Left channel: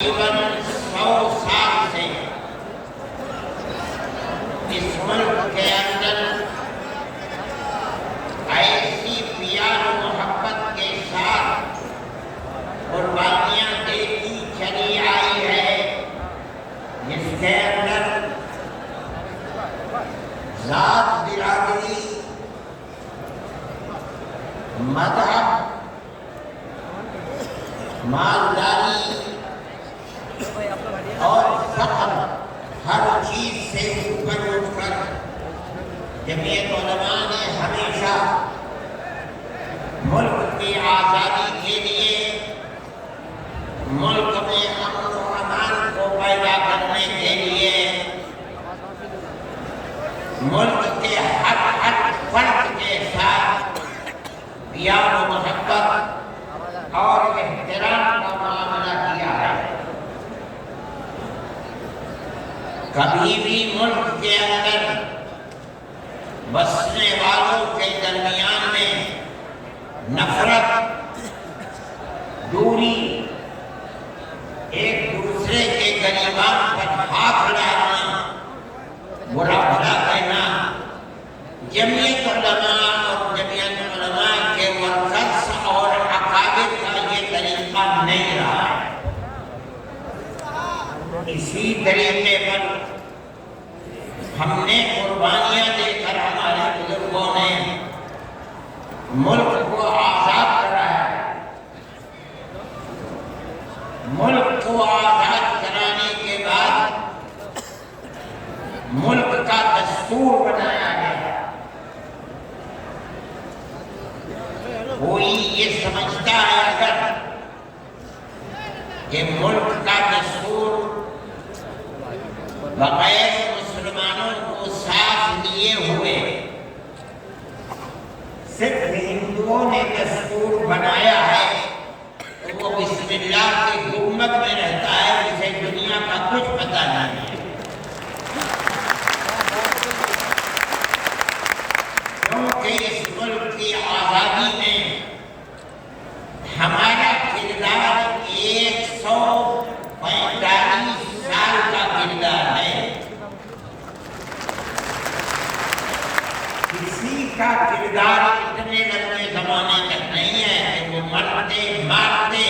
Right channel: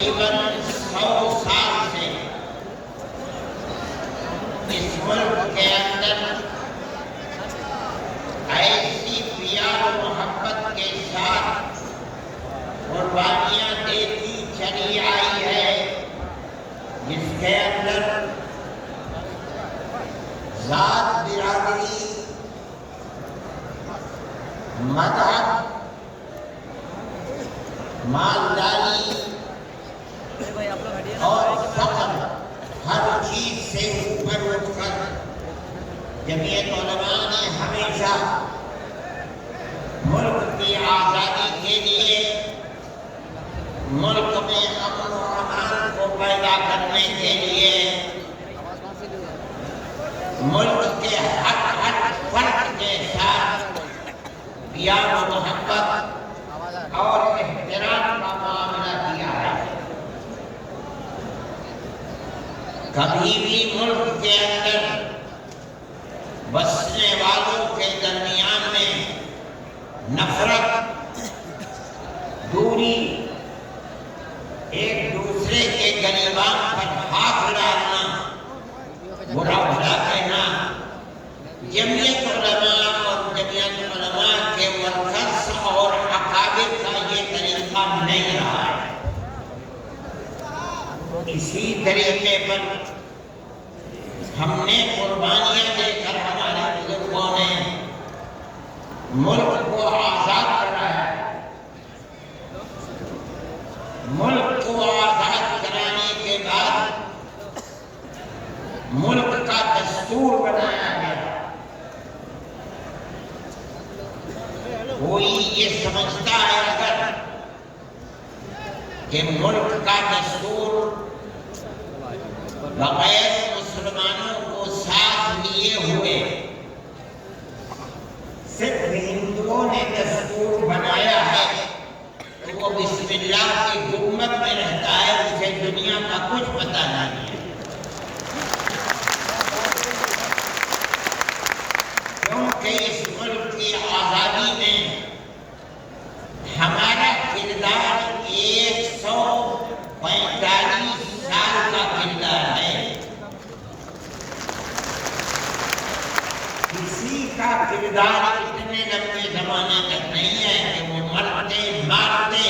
تقریباً 100 سال سے اس ملک کے اندر ایسی پیار و محبت کے ساتھ قربانیاں دیتی چلی آئی ہے جس کے اندر ذات، برادری، مذہب، مالداری اور فخر ہر چیز سے اوپر اٹھ کر جمعیت علماء نے ہمیشہ ملک کی آزادی کے لیے، ملک میں امن و امان کو پیدا کرنے کے لیے، ملک کے ہر فرد کے ساتھ پیار و محبت اور احترام کا معاملہ کیا ہے۔ کبھی بھی ملک کے اندر بسنے والوں کے درمیان میں نفرت، دوری، ایک دوسرے کے گریبان پر ہاتھ ڈالنا، برا بھلا کہنا، جمعیت علماء اور جمعیت علماء کے ورکرز اور اکابر کا یہ طریقہ نہیں رہا ہے۔ اسی طریقے پر ہم نے قربانیاں دے کر ہمارے بزرگوں نے ملک کو آزاد کرایا ہے۔ ملک کو آزاد کرانے کے بعد ملک کا دستور بنایا گیا۔ کوئی یہ سمجھتا ہے اگر کہ ملک کا دستور بغیر مسلمانوں کو ساتھ لیے ہوئے صرف ہندوؤں نے دستور بنایا ہے تو وہ بسم اللہ کی حکومت میں رہتا ہے، اسے دنیا کا کچھ پتہ نہیں ہے۔ کیونکہ اس ملک کی آزادی میں ہمارا کردار 145 سال کا کردار ہے۔ کسی کا کردار اتنے لمبے زمانے تک نہیں ہے کہ وہ مرتے مارتے،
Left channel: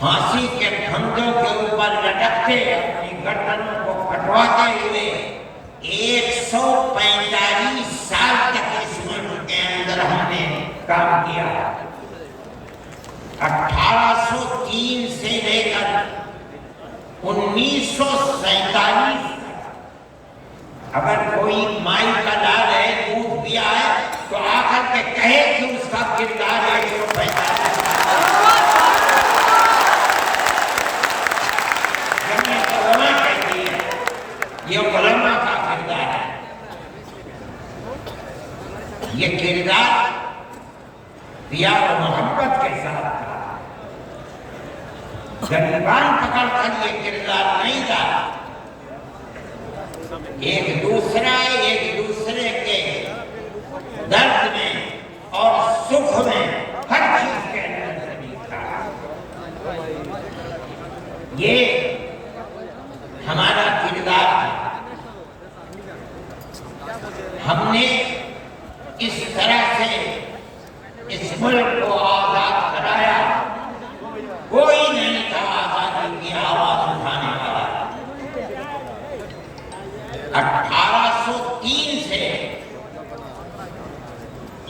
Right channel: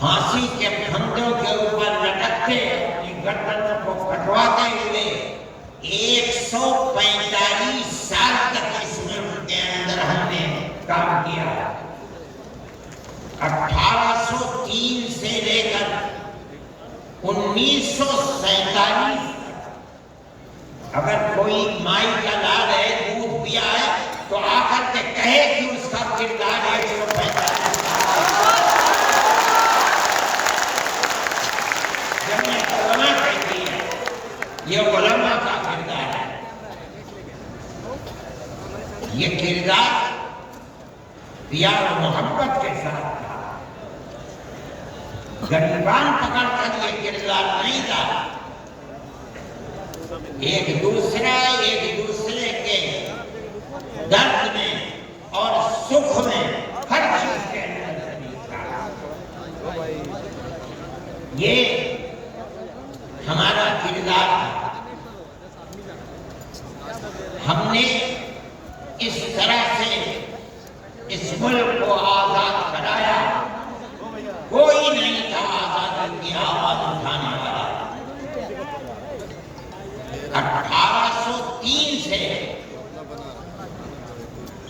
پھانسی کے پھندوں کے اوپر لٹکتے، اپنی گردنوں کو کٹواتے ہوئے 145 سال تک اس ملک کے اندر ہم نے کام کیا۔ 1803 سے لے کر 1947 اگر کوئی مائی کا لال ہے، دودھ پیا ہے تو آ کر کے کہے کہ اس کا کردار 145 جمعیت علماء کہتی ہے یہ علماء کا کردار ہے۔ یہ کردار پیار و محبت کے ساتھ تھا، گریبان پکڑ کر یہ کردار نہیں تھا۔ ایک دوسرے کے درد میں اور سکھ میں ہر چیز کے اندر شریک تھا۔ یہ ہمارا کردار ہے۔ ہم نے اس طرح سے اس ملک کو آزاد کرایا، کوئی نہیں تھا آزادی کی آواز اٹھانے والا۔ 1803 سے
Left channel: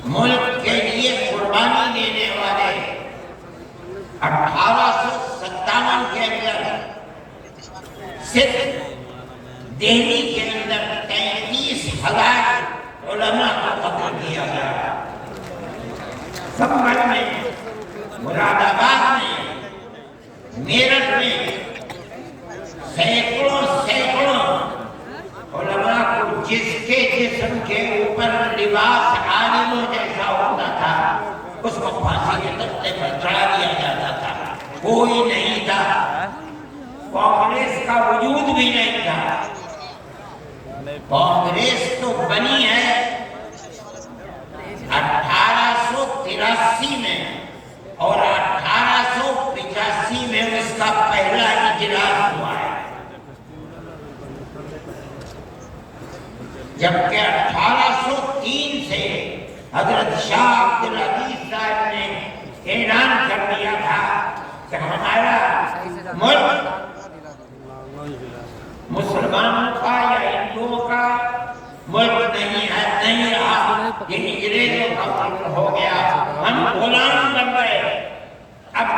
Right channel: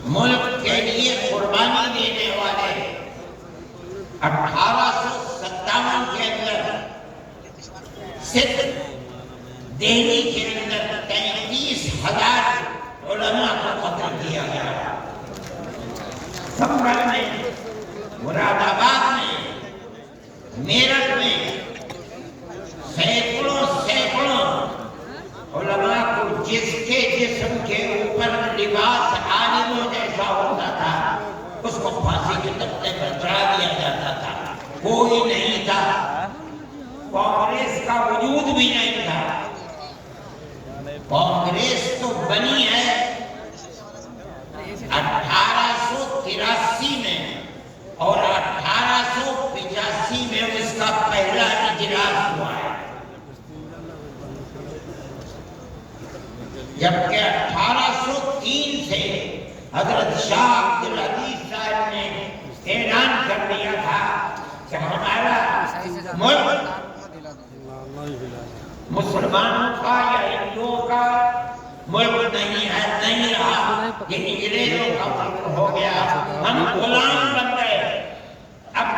ملک کے لیے قربانی دینے والے 1857 کے اندر صرف دہلی کے اندر 33,000 علماء کو قتل کیا گیا۔ سنبھل میں، مراد آباد میں، میرٹھ میں سینکڑوں علماء کو جس کے جسم کے اوپر لباس عالموں جیسا ہوتا تھا اس کو پھانسی کے تختے پر چڑھا دیا جاتا تھا۔ کوئی نہیں تھا، کانگریس کا وجود بھی نہیں تھا۔ کانگریس تو بنی ہے 1883 میں اور 1885 میں کا پہلا اجلاس ہوا ہے، جبکہ 1803 سے حضرت شاہ عبدالعزیز صاحب نے اعلان کر دیا تھا کہ ہمارا ملک مسلمانوں کا یا ہندوؤں کا ملک نہیں ہے، نہیں رہا، یہ انگریزوں کا ملک ہو گیا، ہم غلام بن گئے۔ اب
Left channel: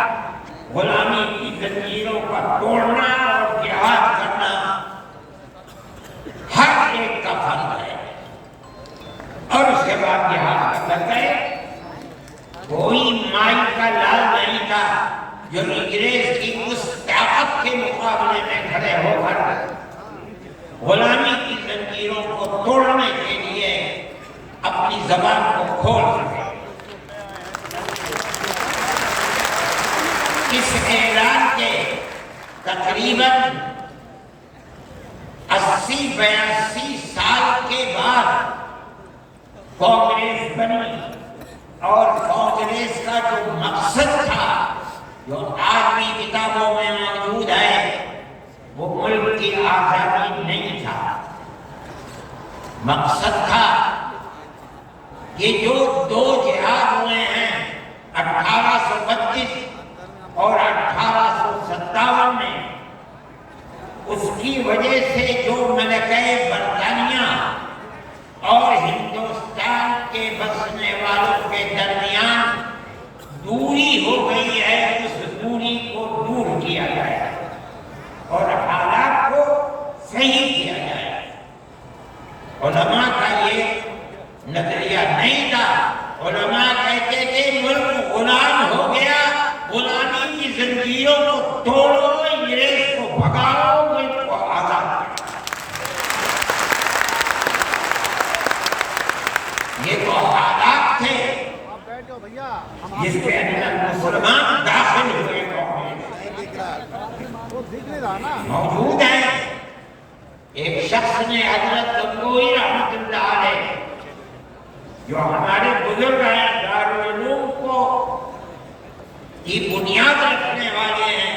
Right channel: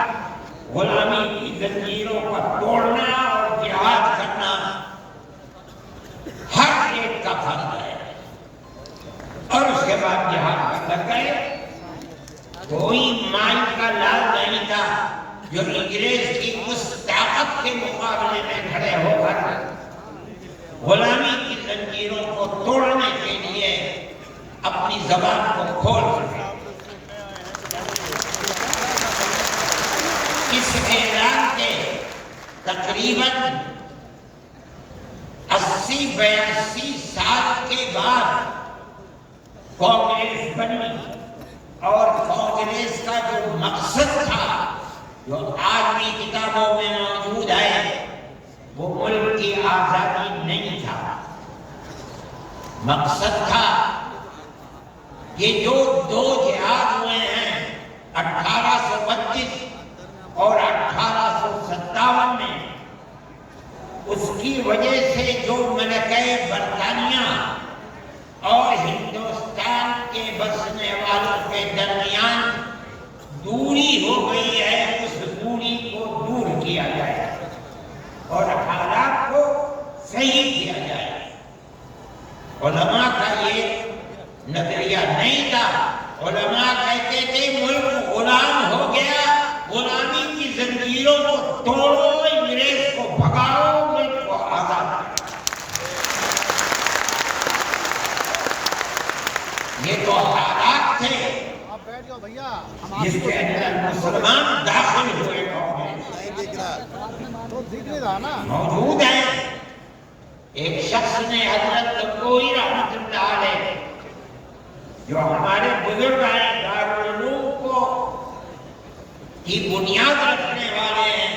غلامی کی زنجیروں کو توڑنا اور جہاد کرنا ہر ایک کا فرض ہے۔ اور اس کے بعد جہاد کر گئے، کوئی مائی کا لال نہیں تھا جو انگریز کی اس طاقت کے مقابلے میں کھڑے ہو کر غلامی کی زنجیروں کو توڑنے کے لیے اپنی زبان کو کھول سکے۔ اس اعلان کے تقریباً 80-82 سال کے بعد کانگریس بنی، اور کانگریس کا جو مقصد تھا جو آج بھی کتابوں میں موجود ہے وہ ملک کی آزادی نہیں تھا، مقصد تھا کہ جو دو جہاد ہوئے ہیں 1832 اور 1857 میں، اس کی وجہ سے جو ملکہ برطانیہ اور ہندوستان کے بسنے والوں کے درمیان دوری ہو گئی ہے، اس دوری کو دور کیا جائے اور حالات کو صحیح کیا جائے۔ علماء کا یہ نظریہ نہیں تھا، علماء کہتے تھے ملک غلام ہو گیا، غلامی کی زنجیروں کو توڑو، انگریز کو بھگاؤ، ملک کو آزاد کرو۔ یہ تو حالات تھے جس کے اندر مسلمان داخل ہوئے موجود ہیں۔ ایک شخص نے حضرت گنگوئی رحمۃ اللہ علیہ جو ہمارے بزرگ ہیں، دارالعلوم کو کی بنیاد رکھنے والے ہیں،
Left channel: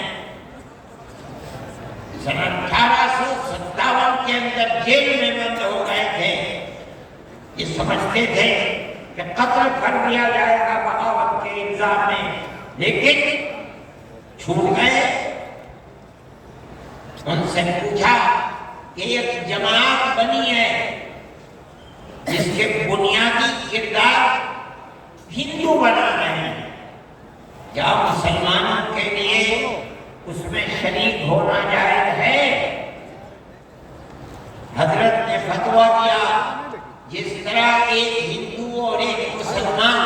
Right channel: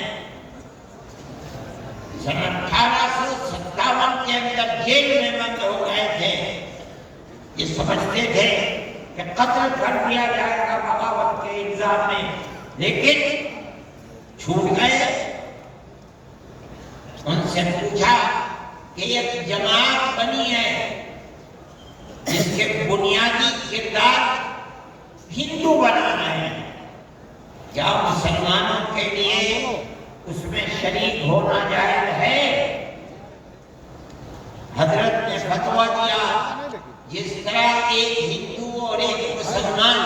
سن 1857 کے اندر جیل میں بند ہو گئے تھے، یہ سمجھتے تھے کہ قتل کر دیا جائے گا بغاوت کے الزام میں، لیکن چھوٹ گئے۔ ان سے پوچھا کہ ایک جماعت بنی ہے جس کے بنیادی کردار ہندو بنا رہے ہیں، کیا مسلمانوں کے لیے اس میں شریک ہونا جائز ہے؟ حضرت نے فتویٰ دیا جس طرح ایک ہندو اور ایک مسلمان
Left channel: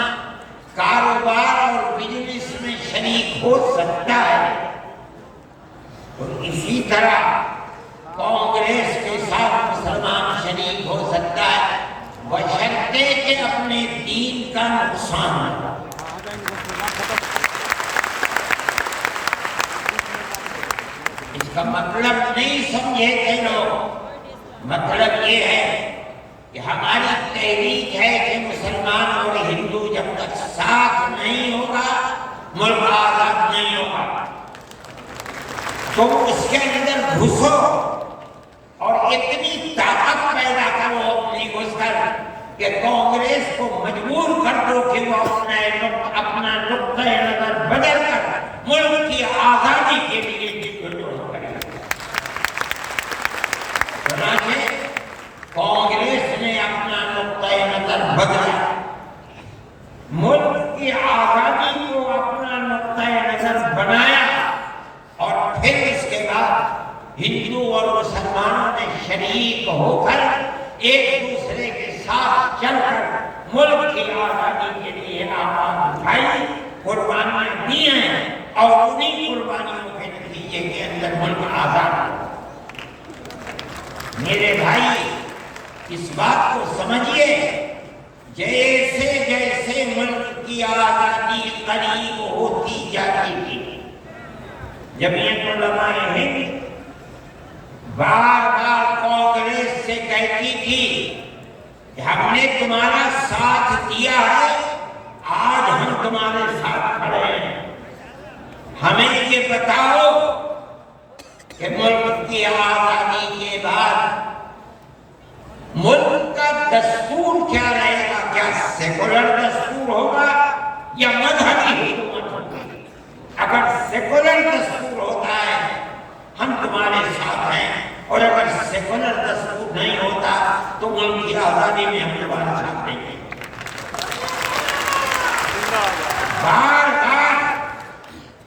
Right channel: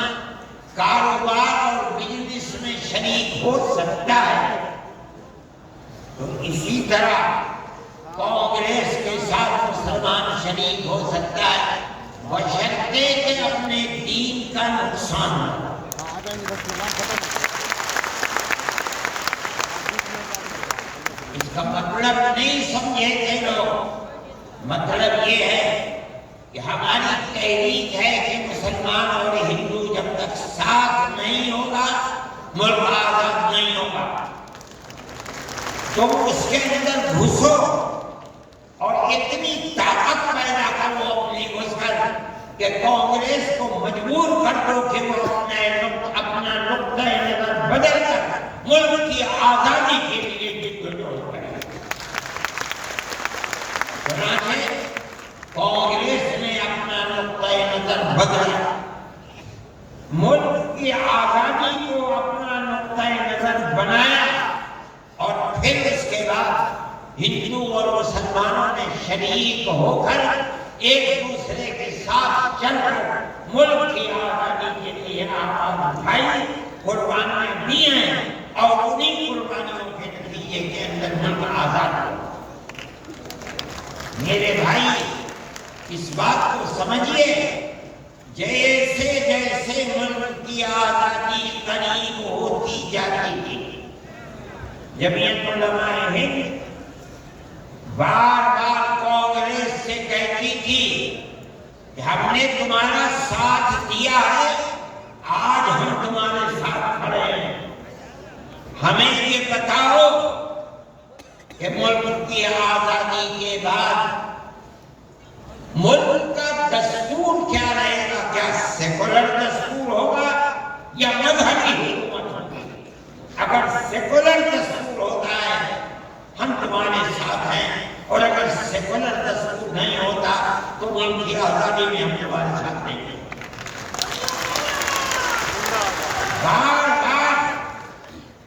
کاروبار اور بزنس میں شریک ہو سکتا ہے، تو اسی طرح کانگریس کے ساتھ مسلمان شریک ہو سکتا ہے، بشرطے کہ اپنے دین کا نقصان نہ ہو۔ اس کا مطلب نہیں سمجھے تھے لوگ، مطلب یہ ہے کہ ہماری تحریک ہے کہ مسلمان اور ہندو جب تک ساتھ نہیں ہوگا ملک آزاد نہیں ہوگا، تو اس کے اندر گھسو اور اتنی طاقت پیدا کرو اپنی گھس کر کہ کانگریس کو مجبور کر دو کہ وہ اپنا نقطۂ نظر بدل کر ملک کی آزادی کے لیے جدوجہد کرے۔ چنانچہ کانگریس نے اپنا نقطۂ نظر بدلا، ملک کی آزادی کو اپنا نقطۂ نظر بنایا، اور پھر اس کے بعد ہندو اور مسلمانوں نے شریک ہو کر ایک دوسرے کے ساتھ چل کر ملک کی آزادی کے لیے آواز اٹھائی، قربانیاں دی ہیں، اور انہی قربانیوں کے نتیجے کے اندر ملک آزاد ہوا۔ میرے بھائی، اس بات کو سمجھیے، جیسے جیسے ملک کی آزادی قریب ہوتی جاتی تھی، جمعیت علماء ہند بار بار کانگریس سے کہتی تھی کہ ہم نے تمہارا ساتھ دیا ہے، آج ہم تمہارے ساتھ کھڑے ہیں، ہمیں یہ بتاؤ کہ ملک کی آزادی کے بعد ملک کا دستور کیا رہے گا؟ کیا سیکولر دستور ہوگا یا مذہبی حکومت ہوگی؟ اگر سیکولر دستور ہوتا ہے ہم تمہارے ساتھ ہیں، اور اگر سیکولر دستور نہیں ہوتا تو ملک کی آزادی میں ہم تمہارے ساتھ نہیں ہیں۔ بار بار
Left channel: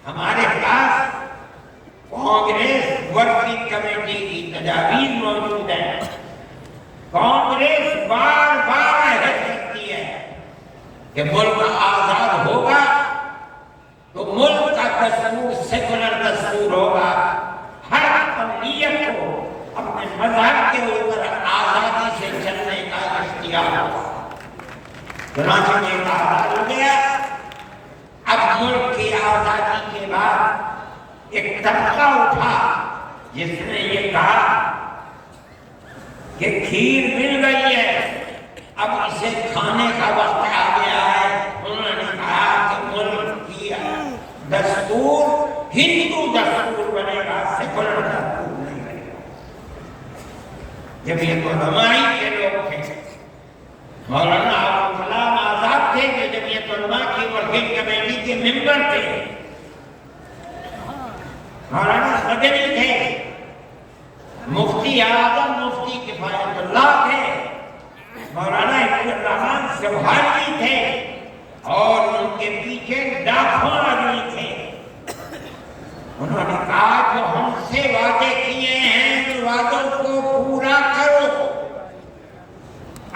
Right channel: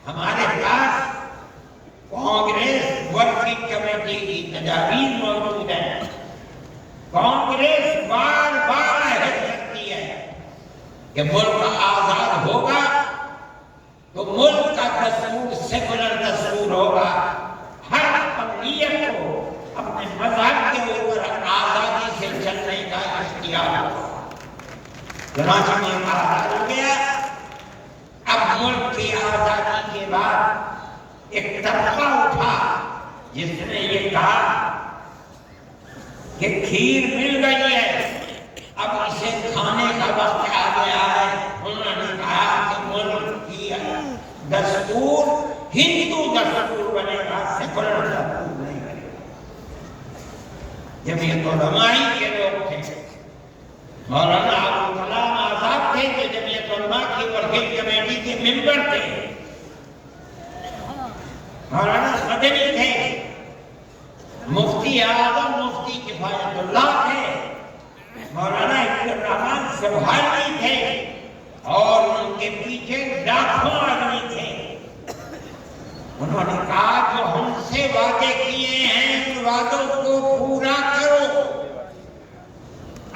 ہمارے پاس کانگریس ورکنگ کمیٹی کی تجاویز موجود ہیں۔ کانگریس بار بار عہد کرتی ہے کہ ملک آزاد ہوگا تو ملک کا دستور سیکولر دستور ہوگا، ہر اقلیت کو اپنے مذہب کے اوپر آزادی سے چلنے کا اختیار ہوگا۔ چنانچہ یہ آزاد ہو گیا۔ اب ملک کی آزادی کے بعد ایک طبقہ اٹھا جس نے یہ کہا کہ کھیر مل گئی ہے، اب اسے کھانے کا وقت آ گیا ہے۔ انہوں نے کہا کہ ملک کی دستور ہندو دستور بنے گا، سیکولر دستور نہیں بنے گا۔ جمعیت علماء کے لوگ تھے، مولانا ابوالکلام آزاد تھے جو جمعیت علماء کی ورکنگ کمیٹی کے ممبر تھے، مولانا مدنی تھے، مفتی اعظم مفتی کفایت اللہ تھے، مولانا عبدالرحمان سبحانی تھے، اور ان کے پیچھے لاکھوں آدمی تھے۔ انہوں نے کہا جو ہم سے وعدے کیے ہیں ان وعدوں کو پورا کرو۔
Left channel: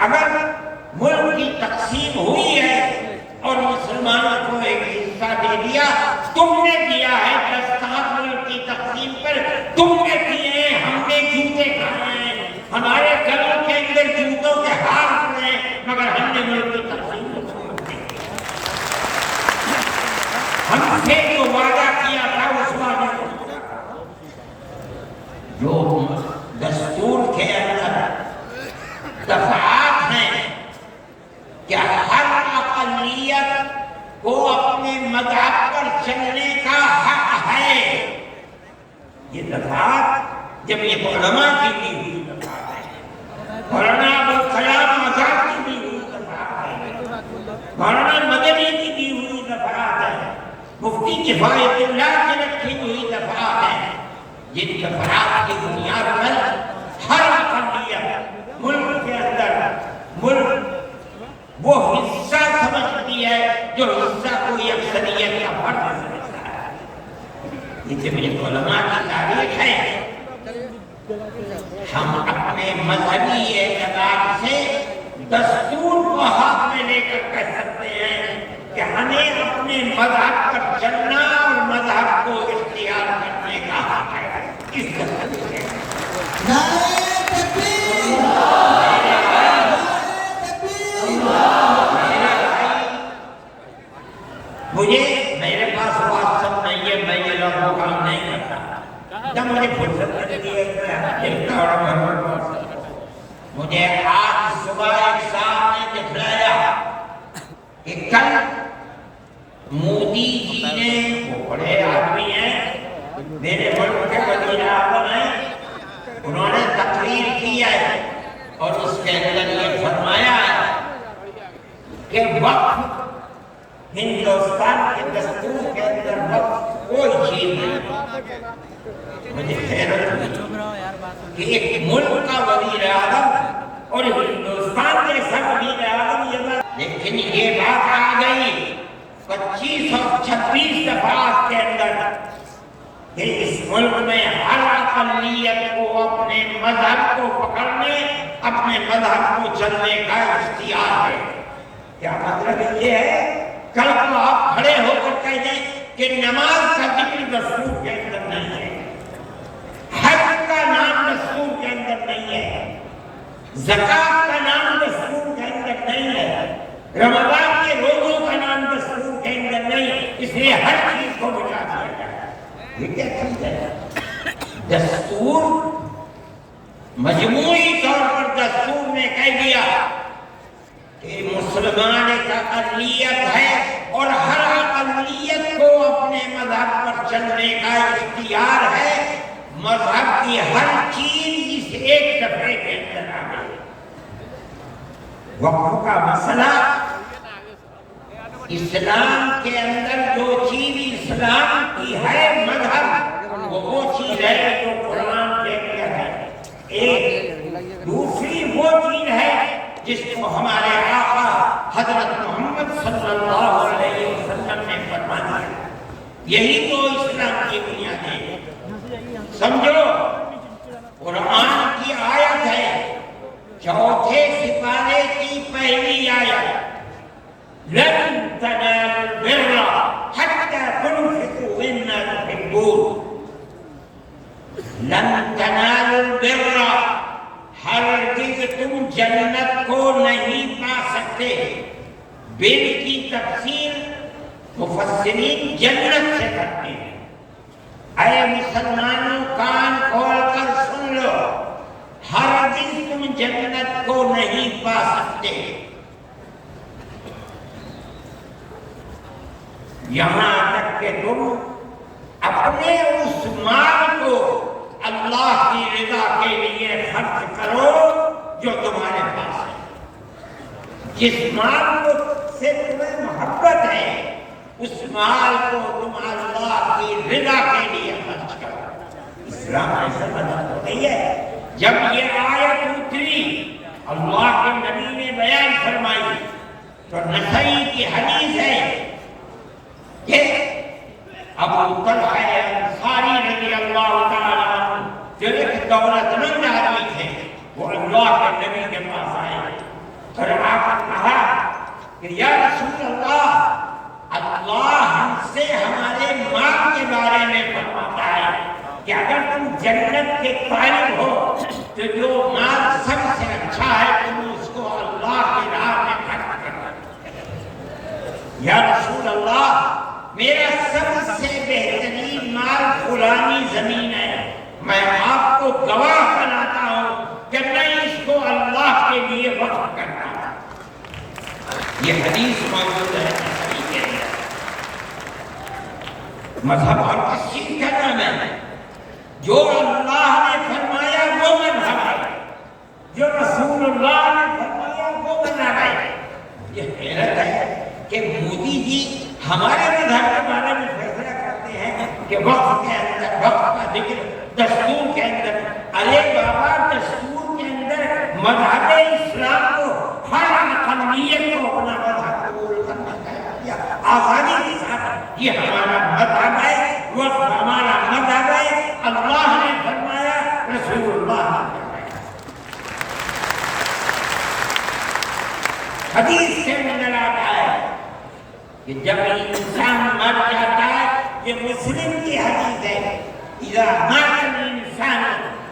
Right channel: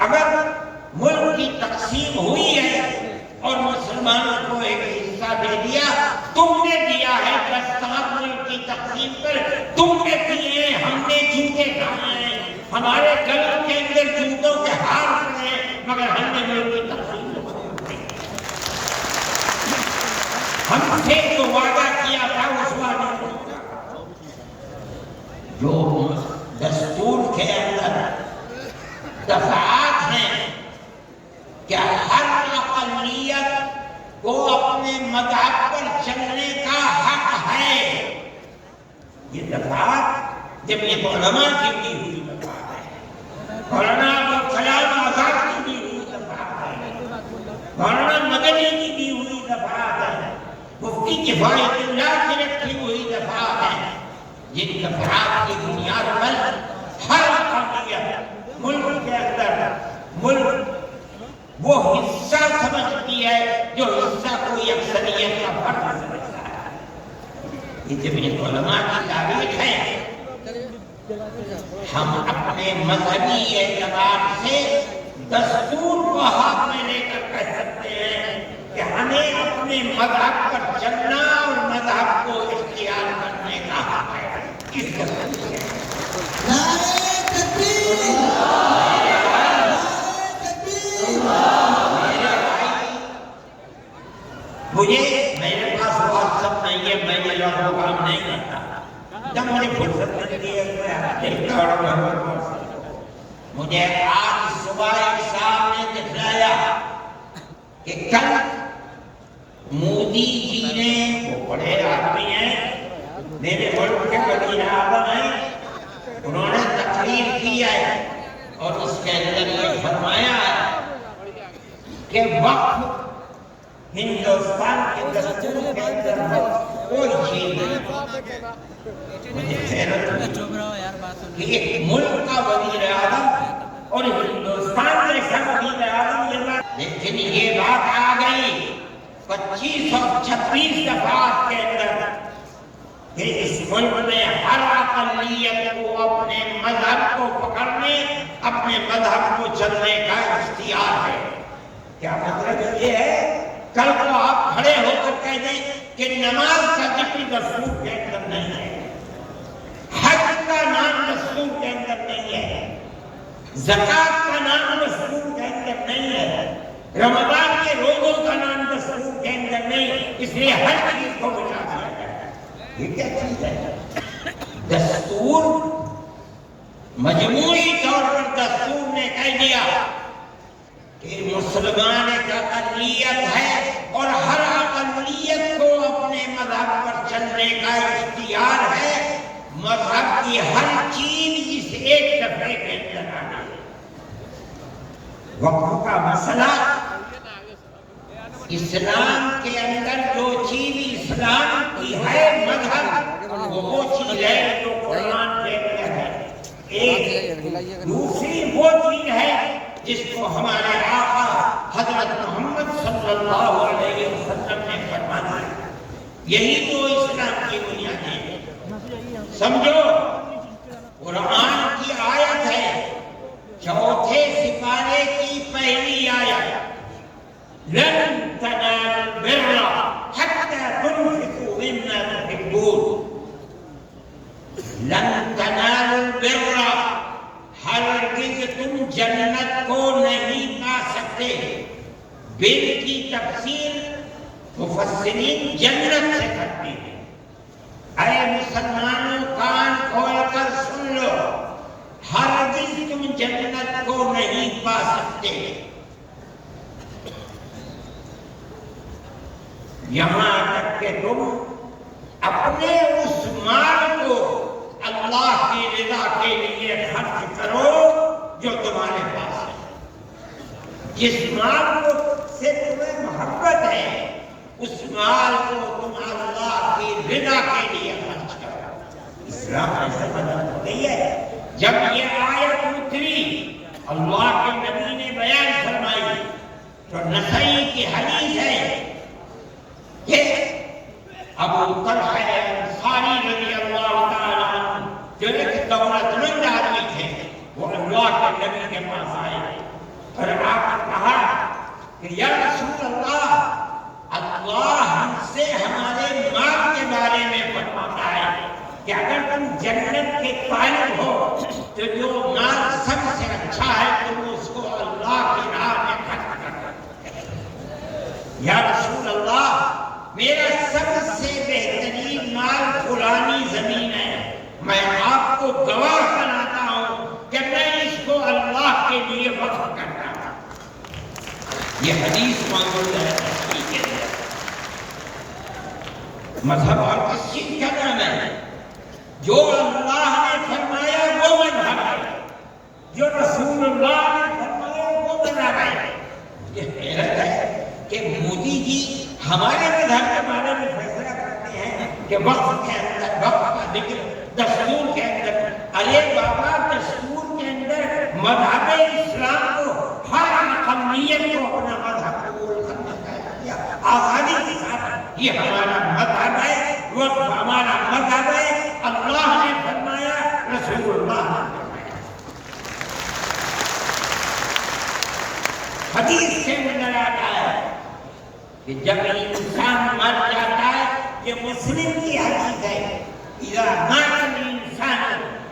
اگر ملک کی تقسیم ہوئی ہے اور مسلمانوں کو ایک حصہ دے دیا، تم نے دیا ہے، 10 سال ملک کی تقسیم پر تم نے کیے ہیں، ہم نے جوتے کھائے ہیں، ہمارے گلوں کے اندر جوتوں کے ہار پڑے ہیں، مگر ہم نے ملک کی تقسیم ہم سے جو وعدہ کیا تھا اس وعدہ کو جو دستور کے اندر دفعات ہیں کہ ہر اقلیت کو اپنے مذہب پر چلنے کا حق ہے، یہ دفعات جمعیت علماء کی دی ہوئی دفعات ہے، مولانا ابوالکلام آزاد کی دی ہوئی دفعات ہے، مولانا مدنی کی دی ہوئی دفعات ہے، مفتی کفایت اللہ کی رکھی ہوئی دفعات ہیں، جن دفعات کی بنیاد پر ہر اقلیت ملک کے اندر ملک وہ حصہ سمجھتی ہے جو حصہ کوئی اکثریت کا فرد سمجھتا ہے۔ یہ جمعیت علماء کی تاریخ ہے۔ ہم اپنے مذہبی اعتبار سے دستور کو ہاتھ میں لے کر کہہ سکتے ہیں کہ ہمیں اپنے مذہب پر چلنا اور مذہب کو اختیار کرنے کا حق ہے۔ اس دستور کے مجھے میرے پاس واٹس ایپ نہیں ہے، میں یہ لوگوں کا کام نہیں کرتا، جب مجھے فرصت ملتی ہے مجھے آج صبح ایک صاحب نے دکھلایا کہ کل مودی جی نے، وہ بڑے آدمی ہیں، میرے ملک کے وزیر اعظم ہیں، انہوں نے تقریر کی ہے اور اس کے اندر یہ فرمایا ہے کہ وقت ہندوستان کے دستور کے اندر وقت کوئی چیز نہیں۔ مجھے حیرت ہوئی کہ ایک ملک کا وزیر اعظم اور ہندوستان جیسا وزیر اعظم یہ بات، لیکن یہ بات آ گئی 25 اور 26 دفعات کے اندر کہ اس ملک میں ہر اقلیت کو اپنے مذہب کو پکڑنے، اپنے مذہب کو چلنے کا اختیار ہے۔ کیا مطلب یہ ہے؟ کل کو آپ کھڑے ہو کر کہہ دیں کہ نماز کا ذکر دستور کے اندر نہیں ہے، حج کا نام دستور کے اندر نہیں ہے، زکوٰۃ کا نام دستور کے اندر نہیں ہے، رمضان کے روزوں کا نام دستور کے اندر نہیں، اس لیے ہر چیز کو مٹا دیا جائے۔ یہ کیا چیز ہے؟ دستور مجموعی طور پر دستور نے کہہ دیا کہ مسلمان ایک اقلیت ہے اور ہر اقلیت کو اپنے مذہب پر چلنے کا اختیار ہے، مذہب کی ہر چیز اس ایک دفعے کے اندر آ گئی۔ وقف کا مسئلہ، اسلام کے اندر جو چیز اسلام کی ہے مذہب، وہ چیز ہے جو قرآن کے اندر ہے۔ ایک دوسری وہ چیز ہے جس کو ہمارے آقا حضرت محمد صلی اللہ علیہ وسلم نے فرمایا۔ یہی تو اسلام کی بنیاد ہے۔ سمجھو، قرآن کی آیت ہے، چوتھے سپارے کی پہلی آیت، لن تنالوا البر حتى تنفقوا مما تحبون۔ لن تنالوا البر، ہرگز تم جنت کو نہیں پا سکتے۔ بر کی تفسیر مفسرین جنت سے کرتے ہیں۔ اے مسلمانوں، کان کھول کر سن لو، ہرگز تم جنت کو نہیں پا سکتے۔ یہاں تک کہ تم اپنے اس مال کو اللہ کی رضا کے لیے خرچ کرو جو تمہارے پاس ہے۔ جس مال کو سے تمہیں محبت ہے، اس مال کو تم اللہ کی رضا کے لیے خرچ کرو۔ اسلام ایسا مذہب نہیں ہے۔ جب یہ آیت اتری، اللہ کے نبی نے بیان فرمائی، تو نسائی کی حدیث ہے کہ ابو طلحہ انصاری رضی اللہ تعالیٰ عنہ جو ایک دولت مند آدمی تھے، وہ اللہ کے نبی کے پاس آئے اور آپ نے کہا کہ یا رسول اللہ، اللہ ہم سے ہمارے مال کے بارے میں فرماتا ہے کہ اگر تم جنت کے طالب ہو تو جو مال سب سے اچھا ہے تم اس کو اللہ کی راہ میں خرچ کرنا۔ یا رسول اللہ، میرا سب سے بہترین مال فلانی زمین ہے، میں آپ کو گواہ بناتا ہوں کہ میں اس کو اللہ کے لیے وقف کرتا ہوں۔ یہ حدیث موجود ہے نسائی کے اندر۔ مذہب اور کس چیز کا نام ہے؟ جو اللہ نے فرمایا وہ مذہب ہے، جو رسول اللہ نے فرمایا وہ مذہب ہے۔ یہ حیرت ہے کہ مودی جی ہمارے مذہب کے بارے میں فیصلہ کرتے ہیں کہ وقف کے اندر، وقف کا ذکر دستور کے اندر۔ ارے بابا، دستور کے اندر مذہب اسلام کو ہر اقلیت کو اپنا مذہب قبول کرنا چاہیے آزادی کے ساتھ۔ یہ ہمارا مذہب ہے، وقف ہمارا مذہب ہے۔ اللہ نے فرمایا، رسول اللہ نے فرمایا۔ حدیث سے نظر آتا ہے کہ جب انسان مر جاتا ہے، یہ مسلم کی حدیث ہے، اذا مات الانسان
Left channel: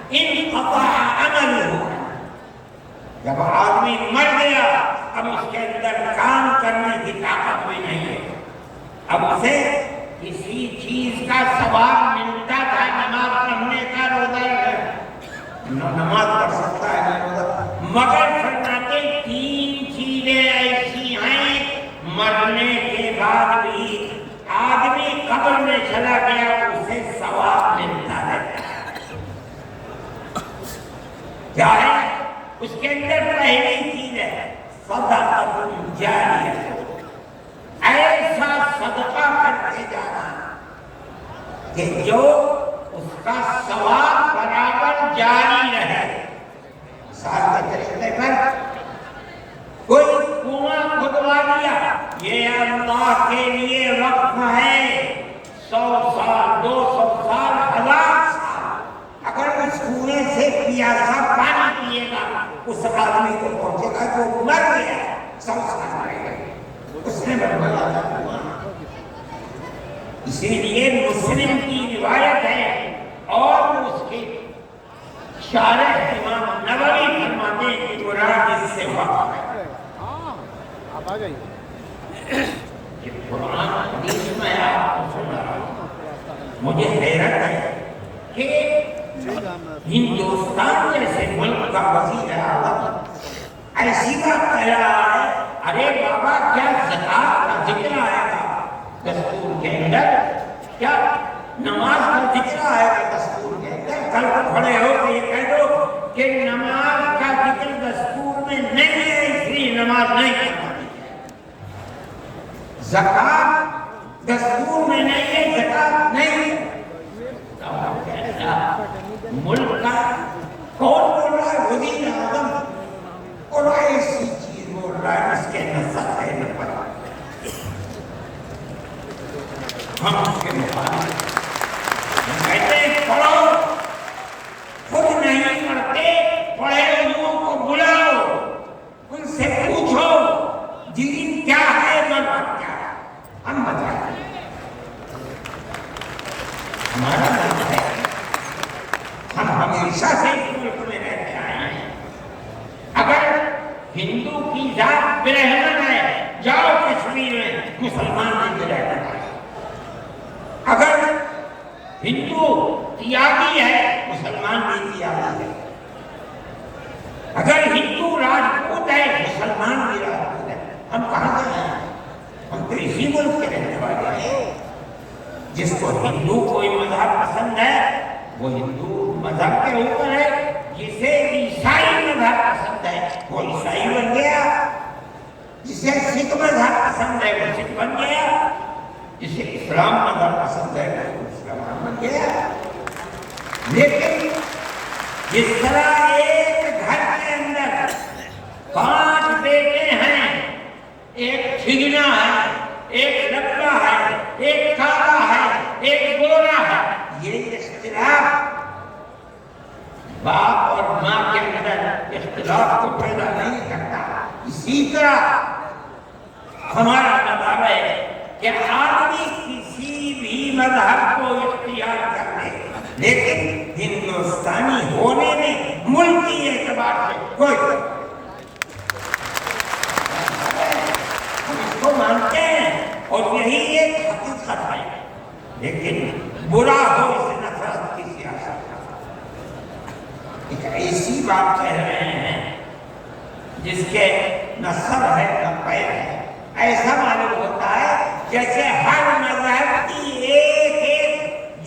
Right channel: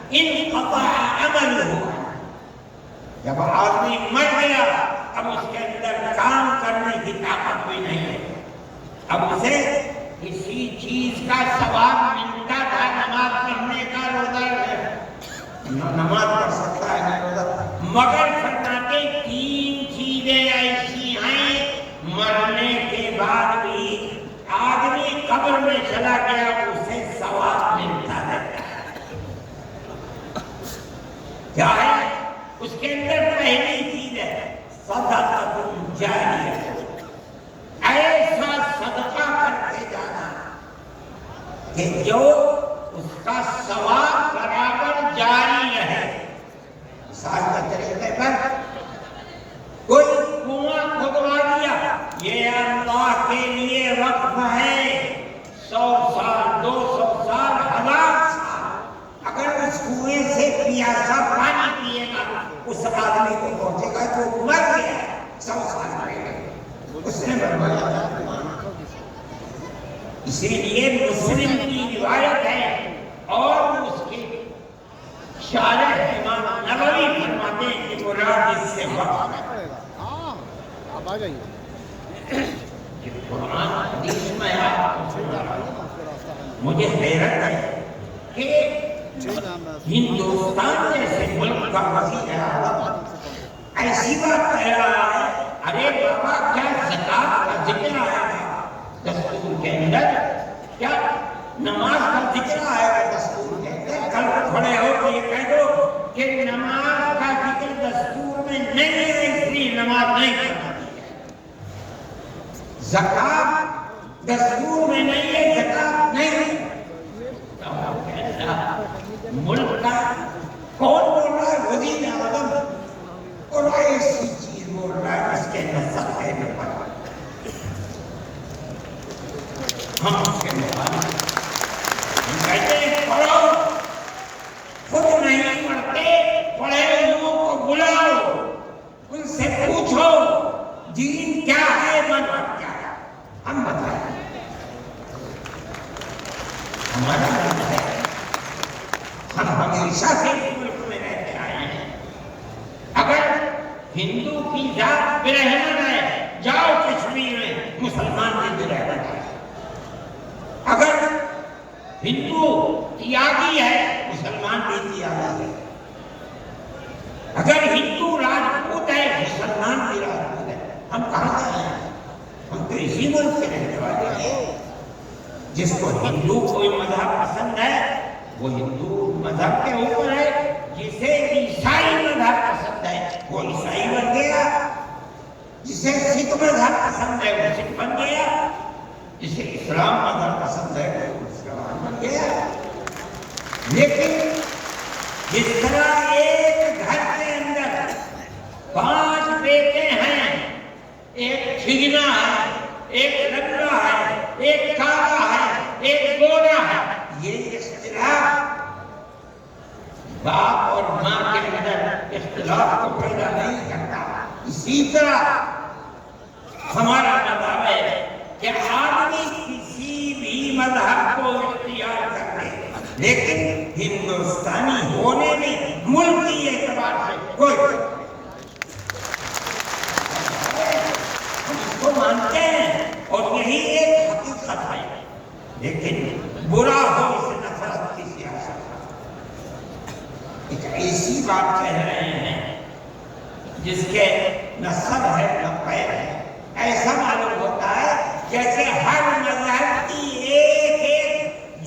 انقطع عمله۔ جب آدمی مر گیا، اب اس کے اندر کام کرنے کی طاقت بھی نہیں ہے۔ اب اسے کسی چیز کا ثواب ملتا تھا، نماز پڑھنے کا، روزہ نماز پڑھ سکتا ہے، مگر فرماتے تین چیزیں ایسی ہیں مرنے کے بعد بھی آدمی قبر میں چلا گیا اسے ثواب ملتا رہتا ہے۔ کیا ہے؟ اس کے اندر پہلی چیز ہے صدقہ جاریہ، ایسا صدقہ کرتے جانا کہ جو اس کا ثواب برابر جاری رہے۔ مثال کے طریقے پر کوئی کنواں کھدوا دیا، یہ اللہ کے لیے وقف ہے، 100 سال، 200 سال، 1000 سال، اگر اس کنویں سے پیاسا پانی پیے گا اس آدمی کو پہنچے گا جو مر گیا 100 سال رہے گا، اس نے بنوایا۔ اسی لیے مسلم کی روایت ہے اور اس کی شارح امام نووی فرماتے ہیں کہ مراد اس سے وقف ہے۔ یہ قرآن حدیث میں آپ کو سنا رہا ہوں، مجھے حیرت ہے کہ ہندوستان جیسے ملک کا وزیر اعظم ایسی بات کہہ رہا ہے۔ ارے بابا، کیا زکوٰۃ کا ذکر آئے گا دستور کے اندر؟ کیا نماز کا ذکر آئے گا دستور کے اندر؟ کھڑے ہو کے یہ کہہ دو کہ نماز کا ذکر دستور میں نہیں ہے اس لیے نماز نہیں کرنا، زکات دستور میں نہیں ہے زکات نہیں ہے، ملک کا کون بول رہا ہے؟ وزیر اعظم، اور ایسی چیز بول رہا ہے جس کے نسل ہے نہ پڑا، ہم اس کے مقابلے ہم کہتے ہیں پڑھو، خود نہیں پڑھتے، پڑھے لوگوں کو بلاؤ، ان سے پوچھو دین کیا ہے مذہب کیا ہے، ہم بتائیں ہمارا مذہب ہے، ہم ہمیشہ سے اس ملک میں رہتے آئے ہیں، اگر ہندو کی ذات برہمن ہے جاؤ کشمیر میں مسلمان بھی برہمن ہے، اگر ہندو تیاگی ہے مسلمان بھی تیاگی ہے، اگر ہندو راجپوت ہے مسلمان بھی راجپوت ہے، ہم کہاں سے ہیں؟ ہم تو اسی ملک کے رہنے والے ہیں، جس کو ہندو کوئی مذہب پسند ہے وہ ہندو مذہب کے اوپر ہے، جسے عیسائی مذہب پسند ہے وہ عیسائی بن گیا، جسے سکھ مذہب پسند ہے وہ سکھ بن گیا، جسے اسلام مذہب پسند ہے وہ مسلمان بن گیا، لیکن جس طرح ایک گھر کے اندر 5 بیٹے ہیں، ایک ٹھگنا ہے، ایک لبا ہے، ایک کالا ہے، ایک گورا ہے، یہ اختلاف باپ اور ماں کے اندر اختلاف کو پیدا نہیں کرتا، اسی طرح ہمارا مذہب ہے کہ آدمی کسی بھی مذہب کو اختیار کر لے، لیکن ہندوستانی ہونے میں ملکی اعتبار سے کوئی ہم اس کو مانتے ہیں اور یہی ایک حقیقت ہے، لیکن برا ہو اس نفرت کی سیاست، ایک ایسی بات کہہ رہے ہیں جس کے نہ سر ہے نہ پیر ہے، ایسا معلوم ہوتا ہے جیسے ہر مذہب کی ایک ایک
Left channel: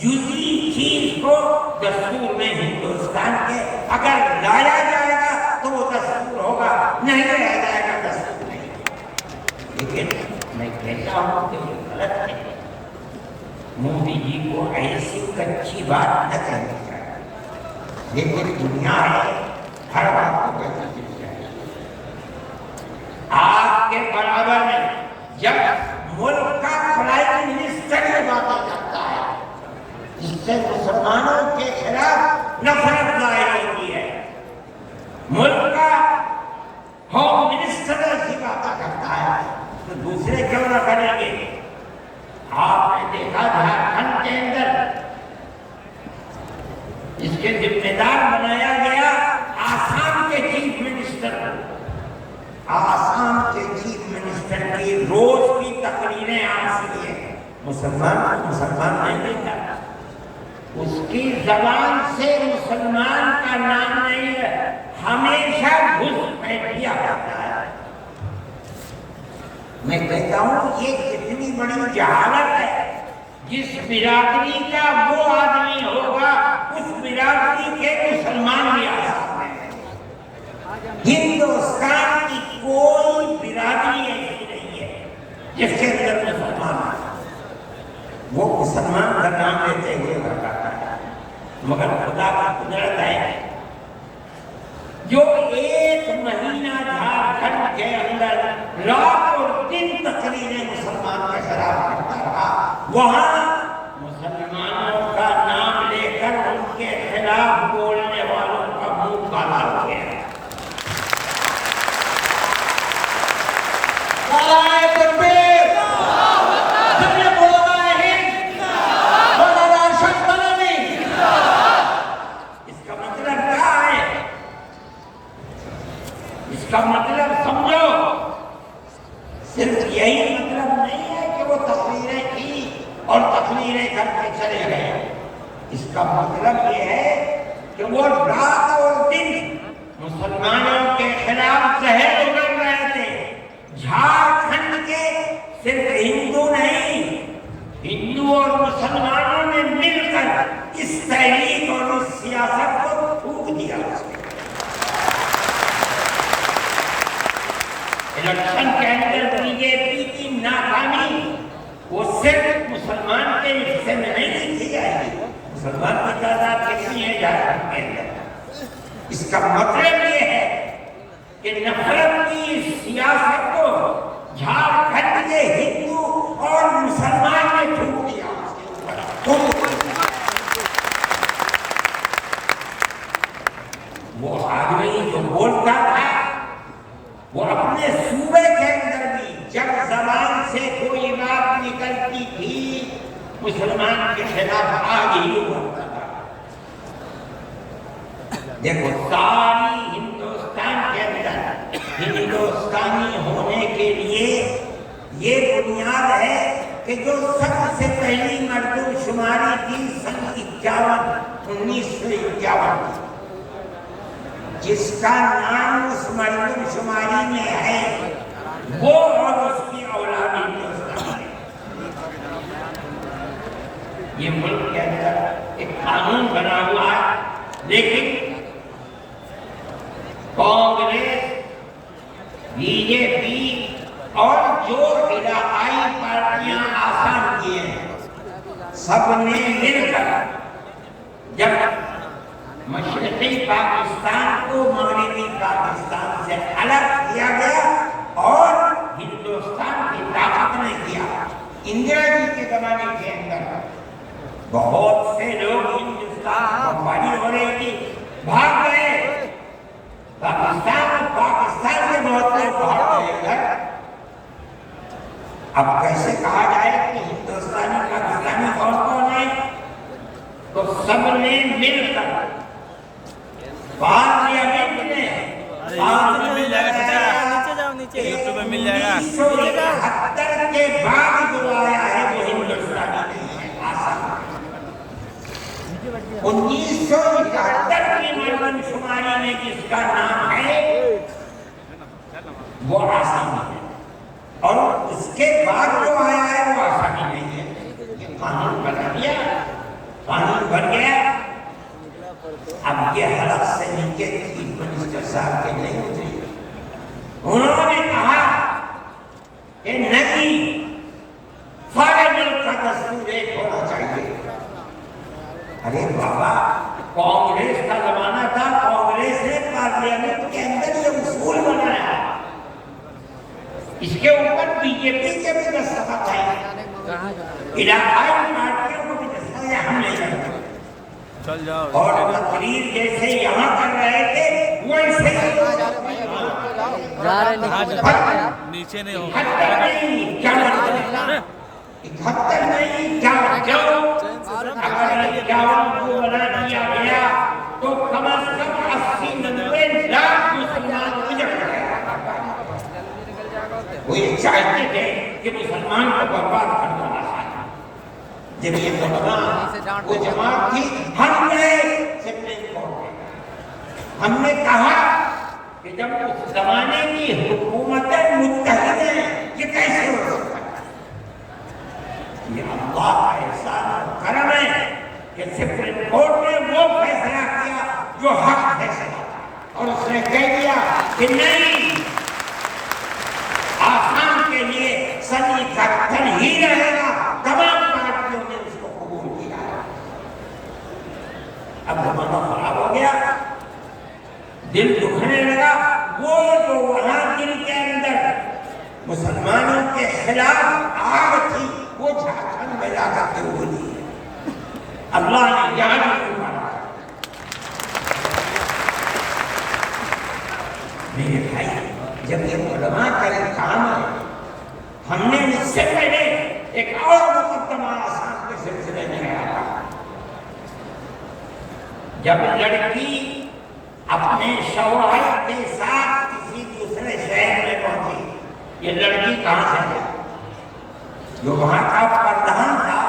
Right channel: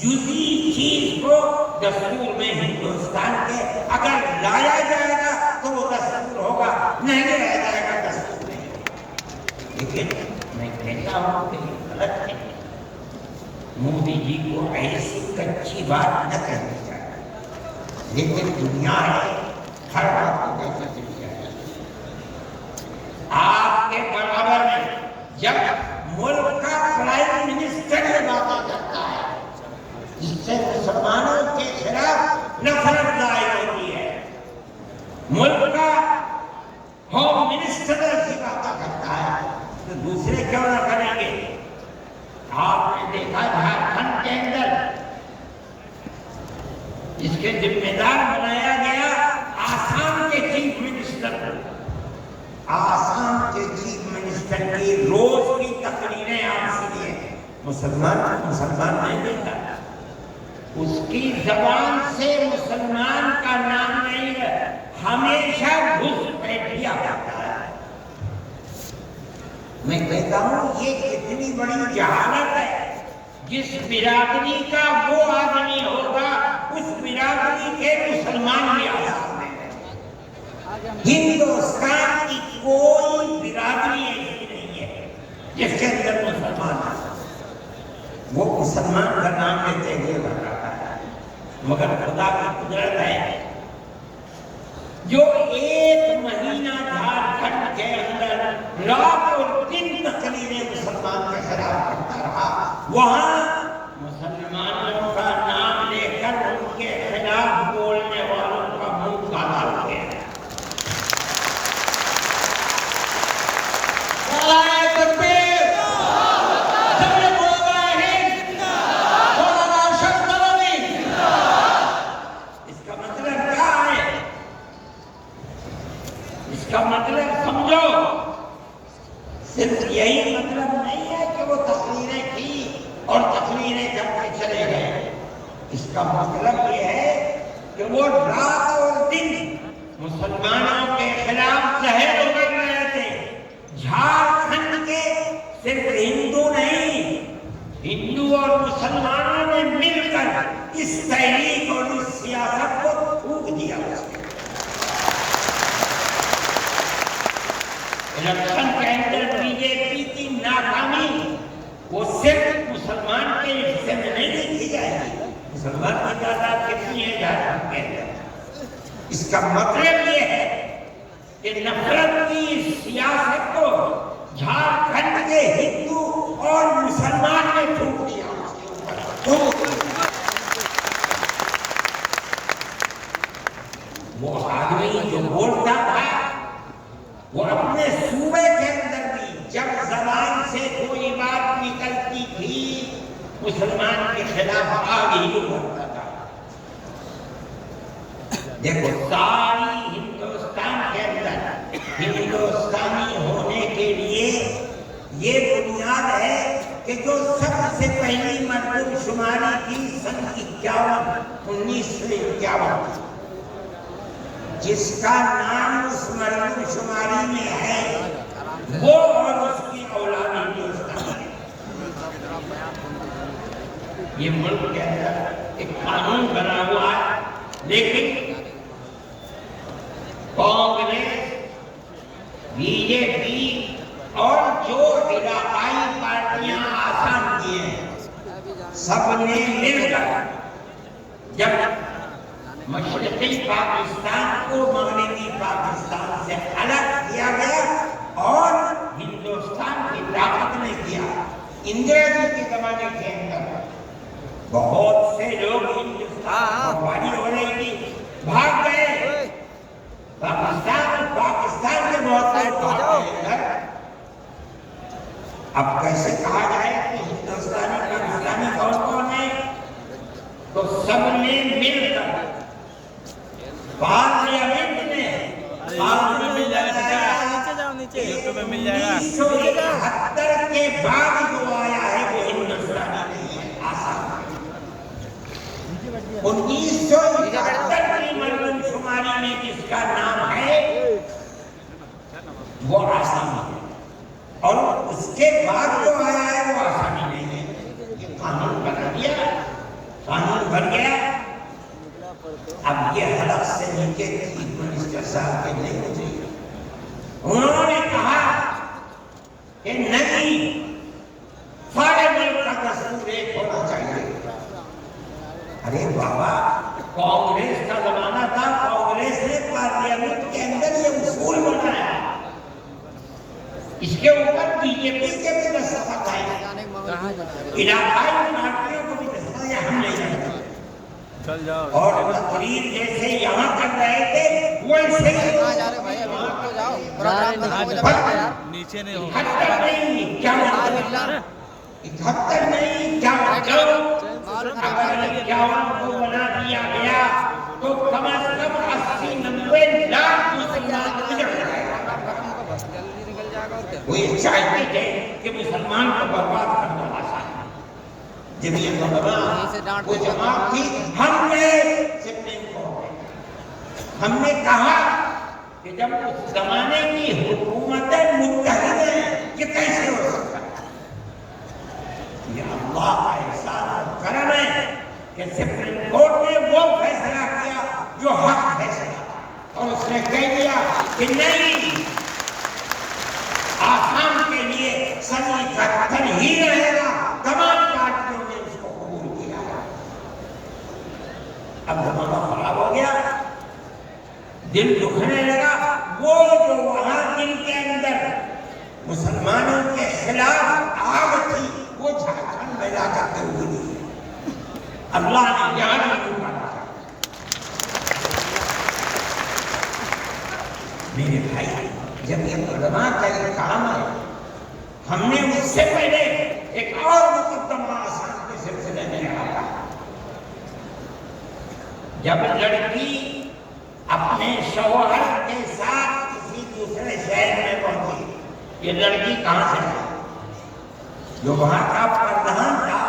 جزئی چیز کو دستور میں ہندوستان کے اگر لایا جائے گا تو وہ دستور ہوگا، نہیں لایا جائے گا دستور نہیں، لیکن میں کہتا ہوں کہ یہ غلط ہے، مودی جی کو ایسی کچی بات نہ کہنی چاہیے، لیکن دنیا ہے ہر بات کو کہنا چاہیے، آپ کے برابر میں جب ملک کا پرائم منسٹر یہ باتیں کرتا ہے جس سے مسلمانوں کے خلاف نفرت ظاہر ہوتی ہے، ملک کا ہوم منسٹر ایسی باتیں کرتا ہے تو دوسرے کیوں نہ کریں گے؟ آپ نے دیکھا جھارکھنڈ کے اندر اس کے ذمہ دار بنایا گیا آسام کے چیف منسٹر کو، آسام کے چیف منسٹر کی روز کی تقریریں آپ سنیے، مسلمان نہیں دیتا، اس کی زبان سے مسلمان کا نام نہیں ہے، ہمیشہ گھس پیٹیا کرتا ہے، میں کہتا ہوں یہ کتنی بڑی جہالت ہے، جس برادری کا وہ آدمی ہوگا اس برادری کے مسلمان بھی آسان ہیں، ہندوستان کی کوئی برادری ایسی نہیں ہے جس کے اندر مسلمان ہے، وہ مسلمان کا نام لیتے ہوئے بتاتا ہے، مگر خدا کا قدرت ہے جو 1 مہینہ جھارکھنڈ کے اندر رات اور دن تقریریں مسلمان کے خلاف کرتا رہا، وہاں مسلمانوں کا نام لے کر ان کے خلاف بولنے والوں کا منہ کالا ہو گیا، اس کا مطلب سمجھو، صرف یہی مطلب نہیں ہے کہ وہ تقریریں کی اور تقریریں کر کے چلے گئے، اس کا مطلب یہ ہے کہ وہ رات اور دن مسلمانوں کے خلاف زہر اگل رہے تھے، جھارکھنڈ کے صرف ہندو نہیں، ہندو اور مسلمانوں نے مل کر اس تحریک اور اس سیاست سیاست کو تھوک دیا اس نے۔ الیکشن کے اندر بی جے پی کی ناکامی وہ صرف مسلمان کے حصے میں نہیں لکھی جائے گی۔ مسلمان کی تعداد کتنی ہے جھارکھنڈ کے اندر؟ اس کا مطلب یہ ہے کہ نفرت کی سیاست کو جھارکھنڈ کے ہندو اور مسلمان نے تھوک دیا اس کے اوپر۔ وہ آدمی جو بولتا تھا وہ اپنے صوبے کے اندر بھی جب زبان سے کوئی بات نکلتی تھی مسلمان کے خلاف آگ ہی اڑتا تھا۔ دیکھو ساری ہندوستان کے اندر ہندوستانی ہونے کے لیے یہ بنیاد ہے کہ جو سب سے پہلی مردم شماری تھی سن 1951 جس کا نام اس مردم شماری میں ہے وہ اور اس کی اولاد ہندوستانی ہے۔ یہ ملک کے اندر ایک قانون بنا ہوا ہے، لیکن کانگریس، بی جے پی اور جو علاقائی پارٹیاں آسان کی ہیں سب نے مل کر جب مشرقی پاکستان کو مغربی پاکستان سے الگ کیا گیا اور ہندوستان کی طاقت نے کیا۔ اندرا جی کے زمانے کے اندر بہت سے لوگ ہندوستان بمباری ہو رہی تھی بھاگ گئے، پاکستان کے بہت سے بھاگ گئے ادھر۔ اب کیسے کہا جائے کہ ہندوستانی پاکستانی کون کون ہے؟ تو سب نے مل کر پارلیمنٹ نے 1971 کے بعد جو آیا ہے وہ ہندوستانی نہیں ہے، آسام۔ 1971 کی مردم شماری میں جس کا نام ہے وہ آسامی ہے، اور اس کے بعد جو آیا ہے وہ آسامی نہیں ہے۔ یہ قانون بنا دیا، قانون بن گیا۔ اب یہ حلق سے نیچے چیف منسٹر صاحب کے نہیں گزری، انہوں نے کہا کہ نہیں، سارے ملک کا دستور ایک ہونا چاہیے۔ ارے بابا، کانگریس کا زمانہ تھا، کانگریس نے پارلیمنٹ کے اندر یہ اصول بنایا، اس کے اوپر بی جے پی کے بھی دستخط ہے، علاقائی پارٹیوں کو بھی دستخط ہے، ہم نہیں کرتے۔ اور تقریر جیسے یہاں کر رہے تھے ویسے ہی نیچے نہیں ہو 71 نہیں، کیا مطلب 71 نہیں، کیا مطلب اگر 51 کو بنا دیا گیا تو کم از کم 80-90 لاکھ مسلمان گزر گئے۔ وہ یہ چاہتے تھے کہ مسلمان کو برباد کرنا آسان۔ جب یہ وہ جماعت تھی، ہم نے سپریم کورٹ میں ہم نے کہا کہ جب اس زمانے کی حکومتیں متحد ہیں یہ کیسے ہو سکتا ہے؟ یہ اللہ کا احسان اور کرم ہے کہ سپریم کورٹ نے وہ فیصلہ کیا جو حق فیصلہ تھا، اور اس نے کہہ دیا کہ نہیں، آسام کے لیے سن 71 ہی رہے گا۔ تمام پارٹیوں نے اس کو قبول کیا۔ اب زمانہ خراب ہو گیا، دل دکھنے لگا، وہ جو وہاں دل کے اندر مسلمانوں کے خلاف آگ تھی وہ جھارکھنڈ میں جا کر کے بولی۔ اللہ نے یہاں بھی مارا۔ میرے بھائی، جب یہ علماء کا ایک کام ہے، ہم نے اس سے پہلے ایک اور مقدمہ آسان کے سلسلے میں رکھا۔ جب لڑکی اپنے شوہر کے ساتھ کسی دوسرے شہر میں پہنچی، یہ لڑکی کہاں سے ہے؟ جو وہاں کا پردھان تھا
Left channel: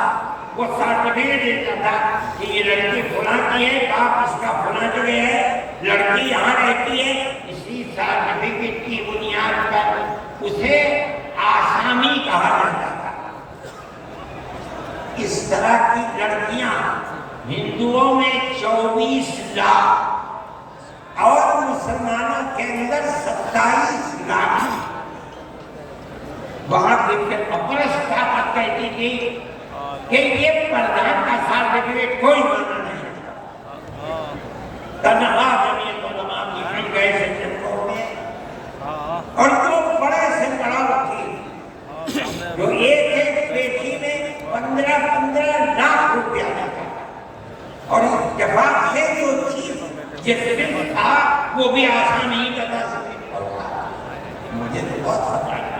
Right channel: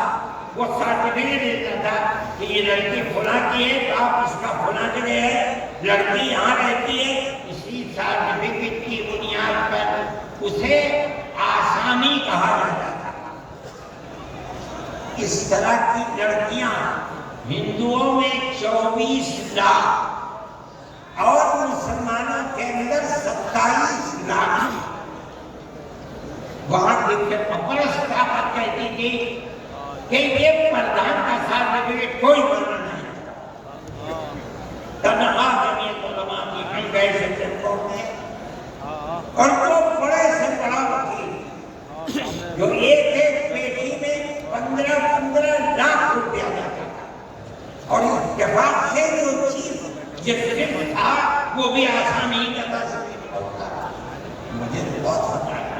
وہ سرٹیفکیٹ دیتا تھا کہ یہ لڑکی فلاں کی ہے، آپ اس کا فلاں جگہ ہے، لڑکی یہاں رہتی ہے۔ اسی سرٹیفکیٹ کی بنیاد پر اسے آسامی کہا جاتا تھا۔ اس طرح کی لڑکیاں ہندوؤں میں 24 24 اور مسلمانوں کے اندر 27 لاکھ. وہاں کی اپرس طاقت کہتی تھی کہ یہ پردھان کا سرٹیفکیٹ کوئی مانا نہیں. تنہا جمعیت علماء کی ہم گئے سپریم کورٹ میں اور جو بڑے سے بڑا وکیل جو ایک پیشی میں 15 لاکھ روپیہ جاتا تھا اور اتفاق سے جو چیف جسٹس تھا وہ بھی آسان ہی کرتا تھا. مجھے تو بہت خطرہ تھا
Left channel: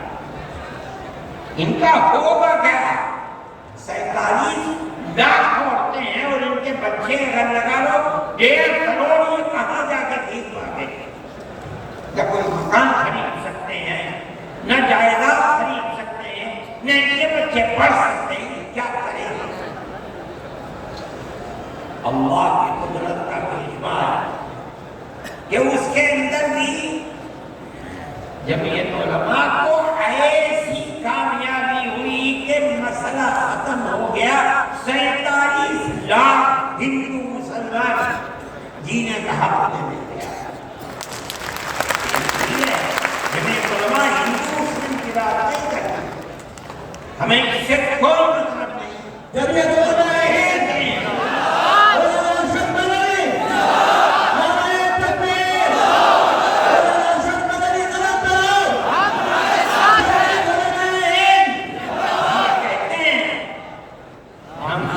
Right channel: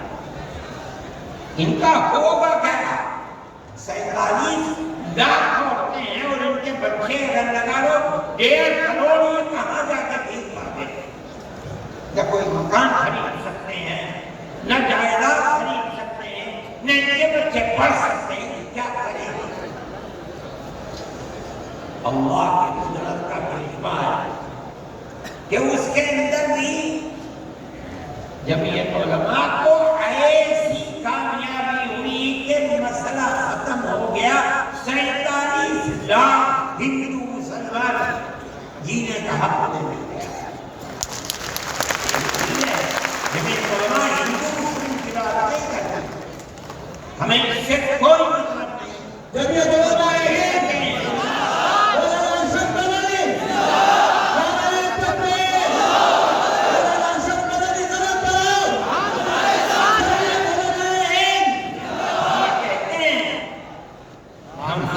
ان کا ہوگا کیا. 47 لاکھ عورتیں ہیں اور ان کے بچے اگر لگا لو 1.5 کروڑ یہ کہاں جا کے بھیک مانگے. نہ کوئی مکان خرید سکتے ہیں نہ جائیداد خرید سکتے ہیں نہ ان کے بچے پڑھ سکتے ہیں. کیا کریں؟ اللہ کی قدرت کا کرشمہ ہے کہ اس کے اندر بھی جمعیت علماء کو ایسی کامیابی ہوئی کہ مسئلہ ختم ہو گیا. 47 لاکھ ہندو مسلمان جینے کا حق دے دیا. جمعیت علماء ہندو مسلم کی بات نہیں کرتا. ہمیں اس سے کوئی مطلب نہیں. جمعیت علماء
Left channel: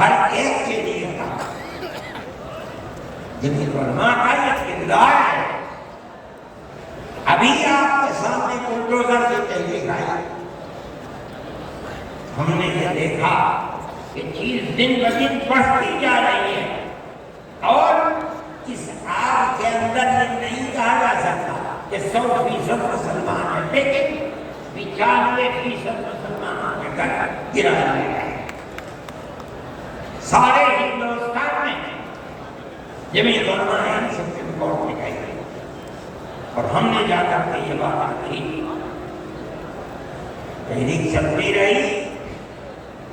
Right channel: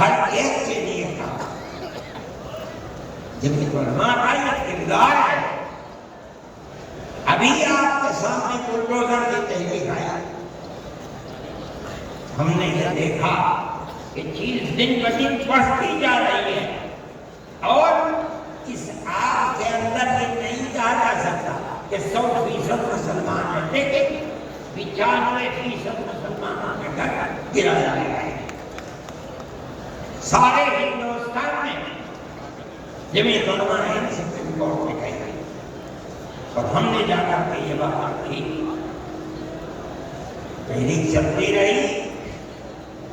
ہر ایک کے لیے کام. جمعیت علماء کا یہ کردار ہے. ابھی آپ کے سامنے بلڈوزر کی تحریک آئی. ہم نے یہ دیکھا کہ چیز دن بدن بڑھتی جا رہی ہے اور اس آگ کے اندر یہ نہیں کہا جا سکتا کہ 100% مسلمان ہیں لیکن 95% مسلمانوں کے گھر گرا جائے گا. سارے ہندوستان میں جمعیت علماء ہند سپریم کورٹ میں گئی اور ہم نے جا کر کے یہ بات رکھی. تحریک چلتی رہی.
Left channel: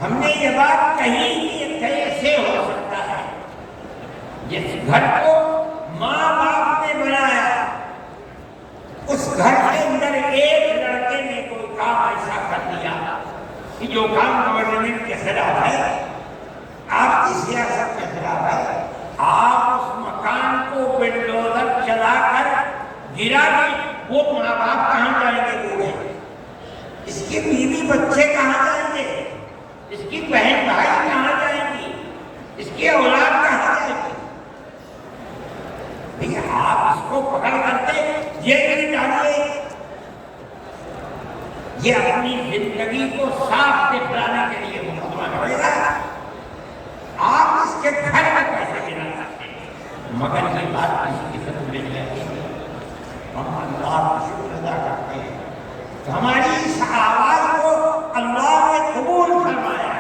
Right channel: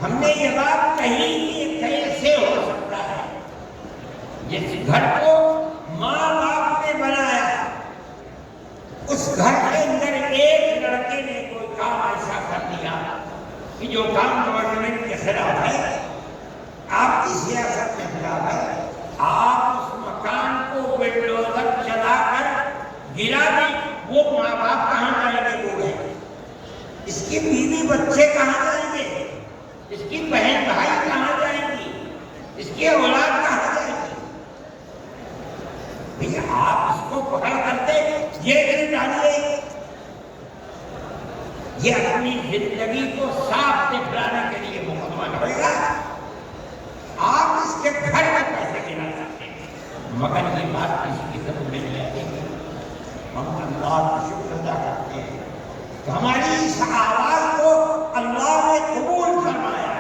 ہم نے یہ بات کہی کہ یہ کیسے ہو سکتا ہے جس گھر کو ماں باپ نے بنایا اس گھر کے اندر ایک لڑکے نے کوئی کام ایسا کر دیا کہ جو کام گورنمنٹ کے خلاف ہے آپ کی سیاست کے خلاف ہے. آپ اس مکان کو بلڈوزر چلا کر گرا دی. وہ ماں باپ کہاں جائیں گے؟ بوڑھے. اس کی بیوی بچے کہاں جائیں گے؟ اس کی بہن بھائی کہاں جائیں گی؟ اس کی اولاد کہاں جائے گی؟ بھئی آپ اس کو پکڑ کرتے جیل میں ڈالیے. یہ اپنی زندگی کو صاف دکھلانے کے لیے مقدمہ لڑے گا. آپ اس کے گھر میں کیسے گرا سکتے ہیں؟ مگر یہ بات کسی کی سمجھ میں نہیں آتی. ہم اللہ کا شکر ادا کرتے ہیں کہ ہماری اس آواز کو اللہ نے قبول فرمایا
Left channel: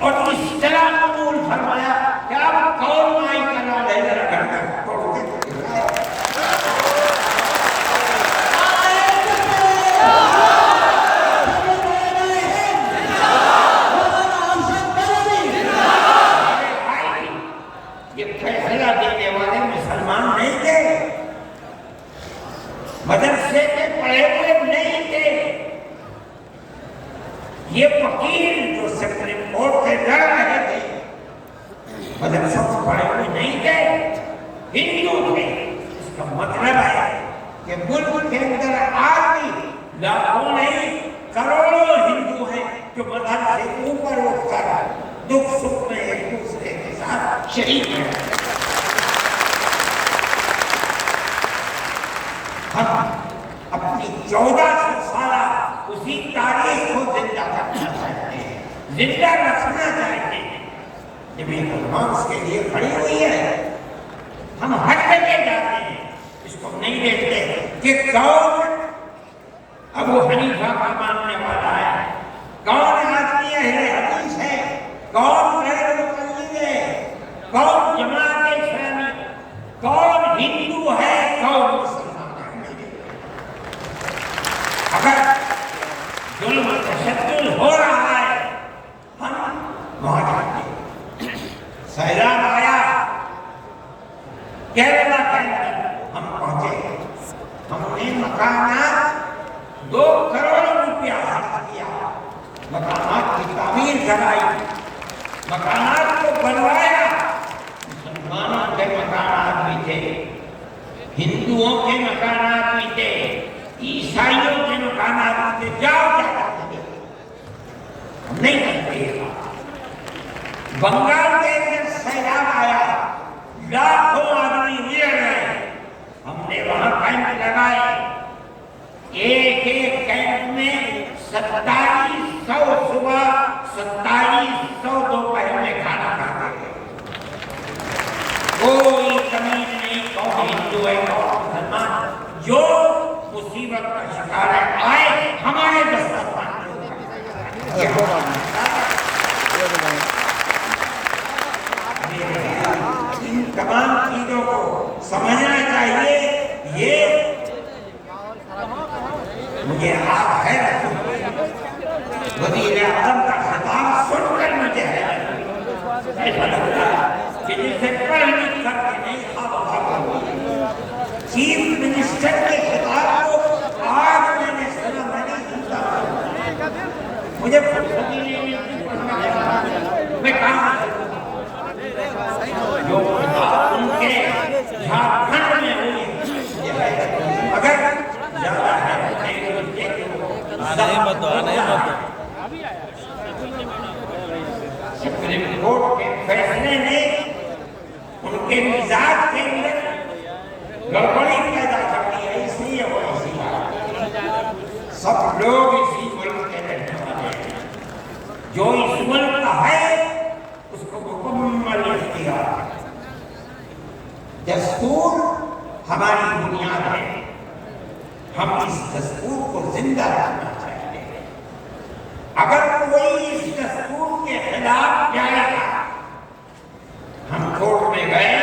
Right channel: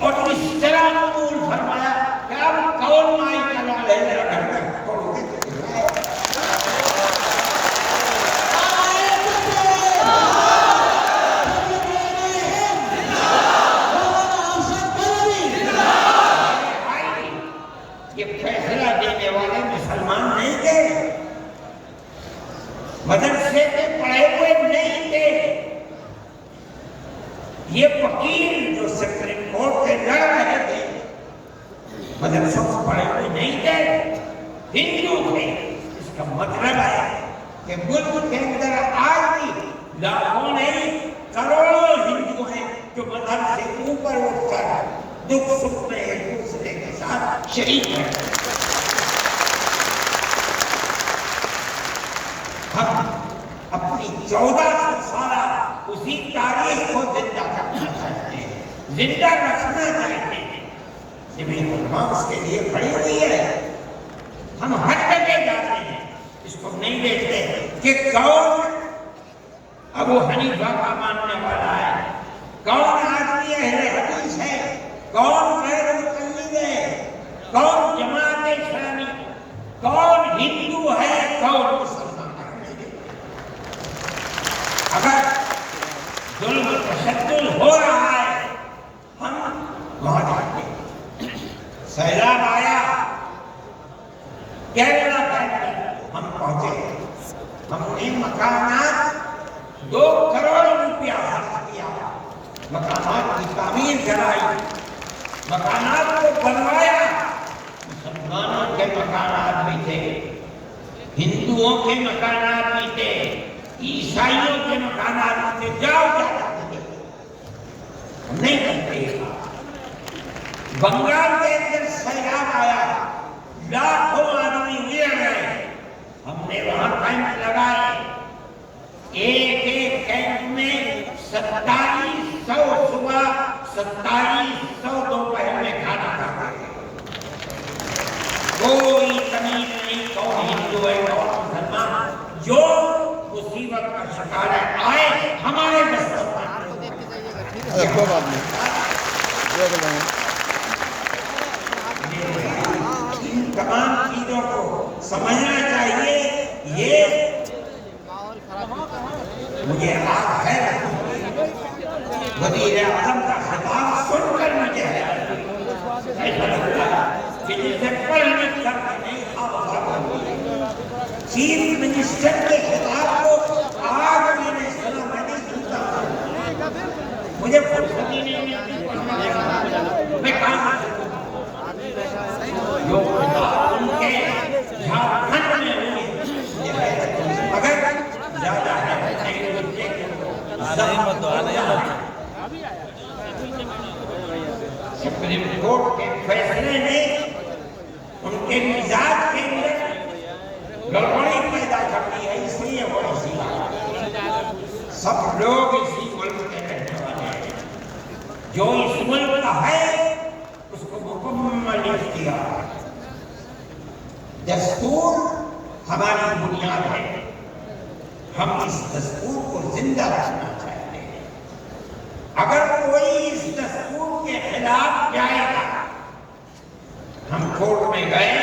اور اس طرح قبول فرمایا کہ آپ کون مائی کا نام لے کر گھر کر توڑتے تو دکھائے. یہ فیصلہ دینے والے مسلمان نہیں تھے. مدرسے میں پڑھے ہوئے نہیں تھے. یہ وکیل جو سپریم کورٹ سے لڑ رہے تھے مدرسوں سے پڑھے ہوئے نہیں تھے, ہندو تھے. اس کا مطلب ہے کہ ملک کے اندر آج بھی لاکھوں نہیں کروڑوں ہندو ہیں جو مذہب سے اوپر اٹھ کر دکھ سکھ میں ایک دوسرے کے ساتھ شریک ہیں. ہم اپنی 1400 سالہ اسی تاریخ کو زندہ کرنا چاہتے ہیں, زندہ رکھنا چاہتے ہیں. جمعیت علماء اس کے لیے کھڑی ہوئی ہے. ہم ہر جگہ جاتے ہیں, اس کو نہیں دیکھتے کہ کون ابو حنیفہ کا ماننے والا ہے, کون آدمی اہل حدیث ہے, کون غیر مقلد ہے, کون جماعت اسلامی, کون ہندو ہے, کون مسلمان ہے. اگر ظلم و تشدد ہو رہا ہے ہم وہاں جاتے ہیں. سیلاب آیا کیرلا کے اندر ہم پہنچے، ہم نے مکانات 2 کروڑ روپیہ خرچ کیا، مکانات کی تعمیر کرائی، مکانات کو بنوایا۔ مسلمانوں کے مکانات بھی تھے، ہندوؤں کے مکانات بھی تھے، عیسائیوں کے مکانات بھی تھے، جاؤ کیا کرتے ہیں؟ ہم نہیں کرتے یہ کام۔ بنگال کے اندر سیلاب آیا، لاکھوں آدمی اجڑ گئے، ہم نے وہاں کیمپ لگائے، ایک ایک کیمپ میں 2700 صبح 2700 دوپہر میں کھانا کھاتے ہیں۔ کوئی تمیز نہیں کون ہندو ہے کون مسلمان، جو مصیبت کا شکار ہے آئے ہمارے دسترخوان ان تمام چیزوں کو سمجھنا چاہیے۔ یہ مجھے آج ہے وزیر اعظم کا خطاب سن کر مجھے ہے ایسا لگتا ہے کہ جسے کل نہیں کر کے نہیں چیف منسٹر کے خطاب کو آج میں نے سنا، میں نہیں سنتا، مجھے فرصت ہی نہیں ملتی پڑھنے کا، میں کام جو خطاب ان کے جھارکھنڈ میں ہوئی اگر زیادہ ہے سپریم کورٹ کے فیصلے نے ان کے مزاج کے اندر گڑبڑی پیدا کر دی ہے، اس لیے وہ ایسی بات۔ سب لوگ اسی ملک کے رہنے والے ہیں، جو اس ملک کا ہے اس کو مکمل اختیار ہے۔ دستور ہماری بنیاد ہے، ہم اس دستور کو زندہ رکھنا چاہتے ہیں۔ اگر کوئی اس دستور کے خلاف جائے گا، ہم کورٹ میں گئے،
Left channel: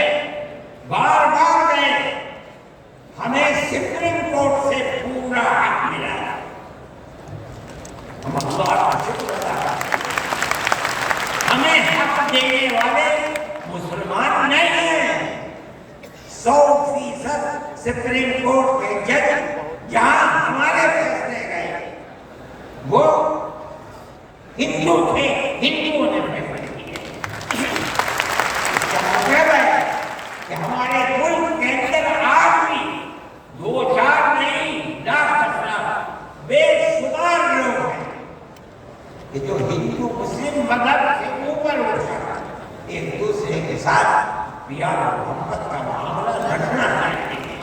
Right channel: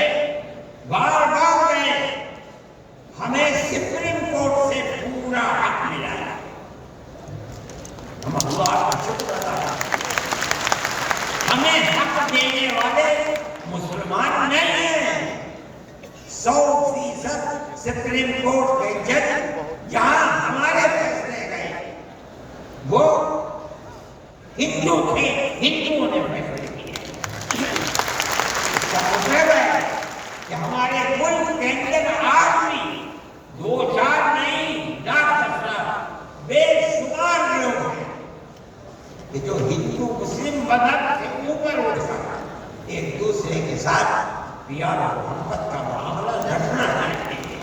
بار بار گئے، ہمیں سپریم کورٹ سے پورا حق ملا ہے، ہم اللہ کا شکر ادا کرتے ہیں۔ ہمیں حق دینے والے مسلمان نہیں ہیں۔ 100% سپریم کورٹ کے جج جہاں ہمارے فیصلے گئے وہ ہندو تھے، ہندوؤں نے فیصلے کیے۔ اس کا مطلب ہے کہ ہمارے ملک کے اندر آج بھی 2-4 نہیں، لاکھ بے شمار لوگ ہیں کہ جو ہندو مسلم مذہب سے اوپر اٹھ کر ایک دوسرے کے ساتھ پیار و محبت کا معاملہ رکھنا چاہتے ہیں،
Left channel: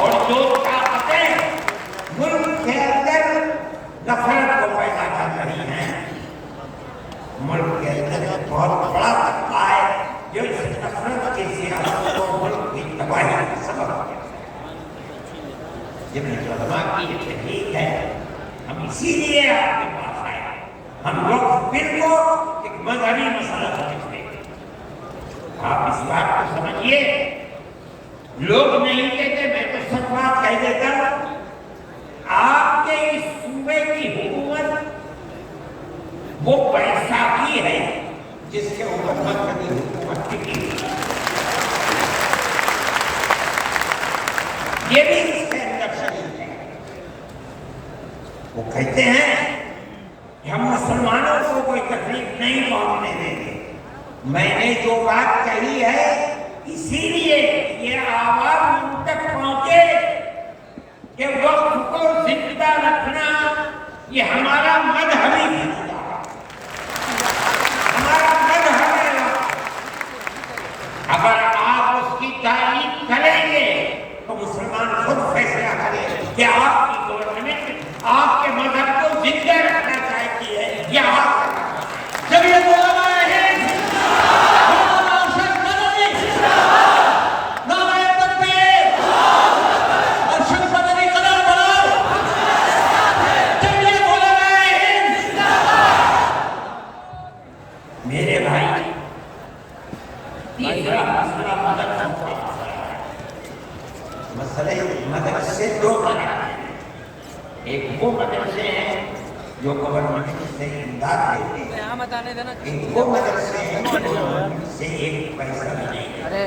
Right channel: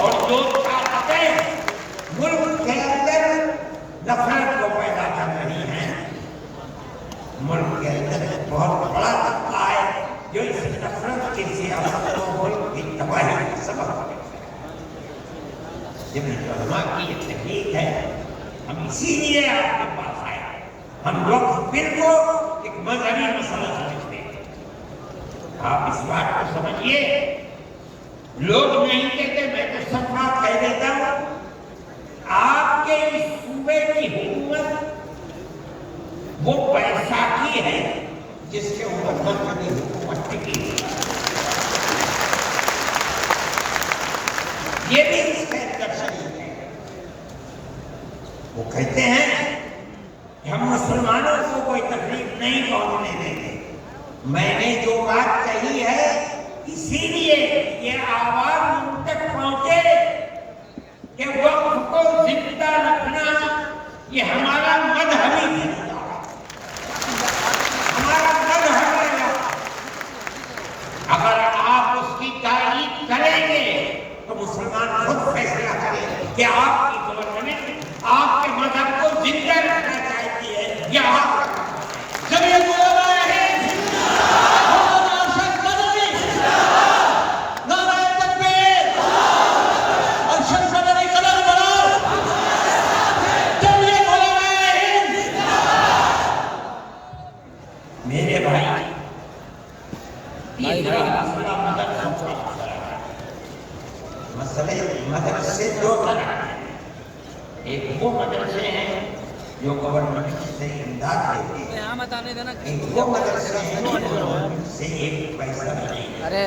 اور جو طاقتیں ملک کے اندر نفرت کو پیدا کر رہی ہیں، ملک کے اندر بہت بڑا طبقہ ہے جو اس نفرت کی سیاست کو ملک کی تباہی کا سبب بنتا ہے۔ جب علماء کی یہ تحقیق ہے، ہم اسی لیے آپ کے پاس آئے، ہم وقف بل کو ایک مذہبی مسئلہ سمجھتے ہیں۔ آپ اس بات کو سمجھیے، لوگ نہیں کہتے، میں تو سب بات کہہ دیتا ہوں، آپ کے اس صوبے کی حکومت وہ بیساکھی ہے جس کے اوپر مذہبی حکومت ٹکی ہوئی، یہ بھی اس کے اندر شریک ہے۔ وہ کہتے ہیں کہ ہم مسلمانوں کو کوئی تکلیف نہیں پہنچنے دیں گے۔ میں نے جو بات کہی ہے اسی لیے یہ آواز ان تک پہنچے کہ وقت کو زندہ رکھنا یہ ہمارا مذہبی فریضہ ہے، ہمارا مذہبی ہے۔ اگر آپ اس کی تائید کریں گے تو مسلمان خود فیصلہ کرے کہ آپ کی گورنمنٹ آپ کے مذہب کو زندہ رکھنا چاہتی ہے یا آپ جب یہ بولا ہے میرے بھائی، تیسرا مسئلہ مسئلے مدرسے دو طرح ہیں۔ ایک وہ مدرسے ہیں جو گورنمنٹ سے امداد دیتے ہیں، ایک وہ مدرسے ہیں جو گورنمنٹ سے ایک پیسہ بھی نہیں دیتے۔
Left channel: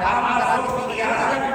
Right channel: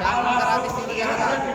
1866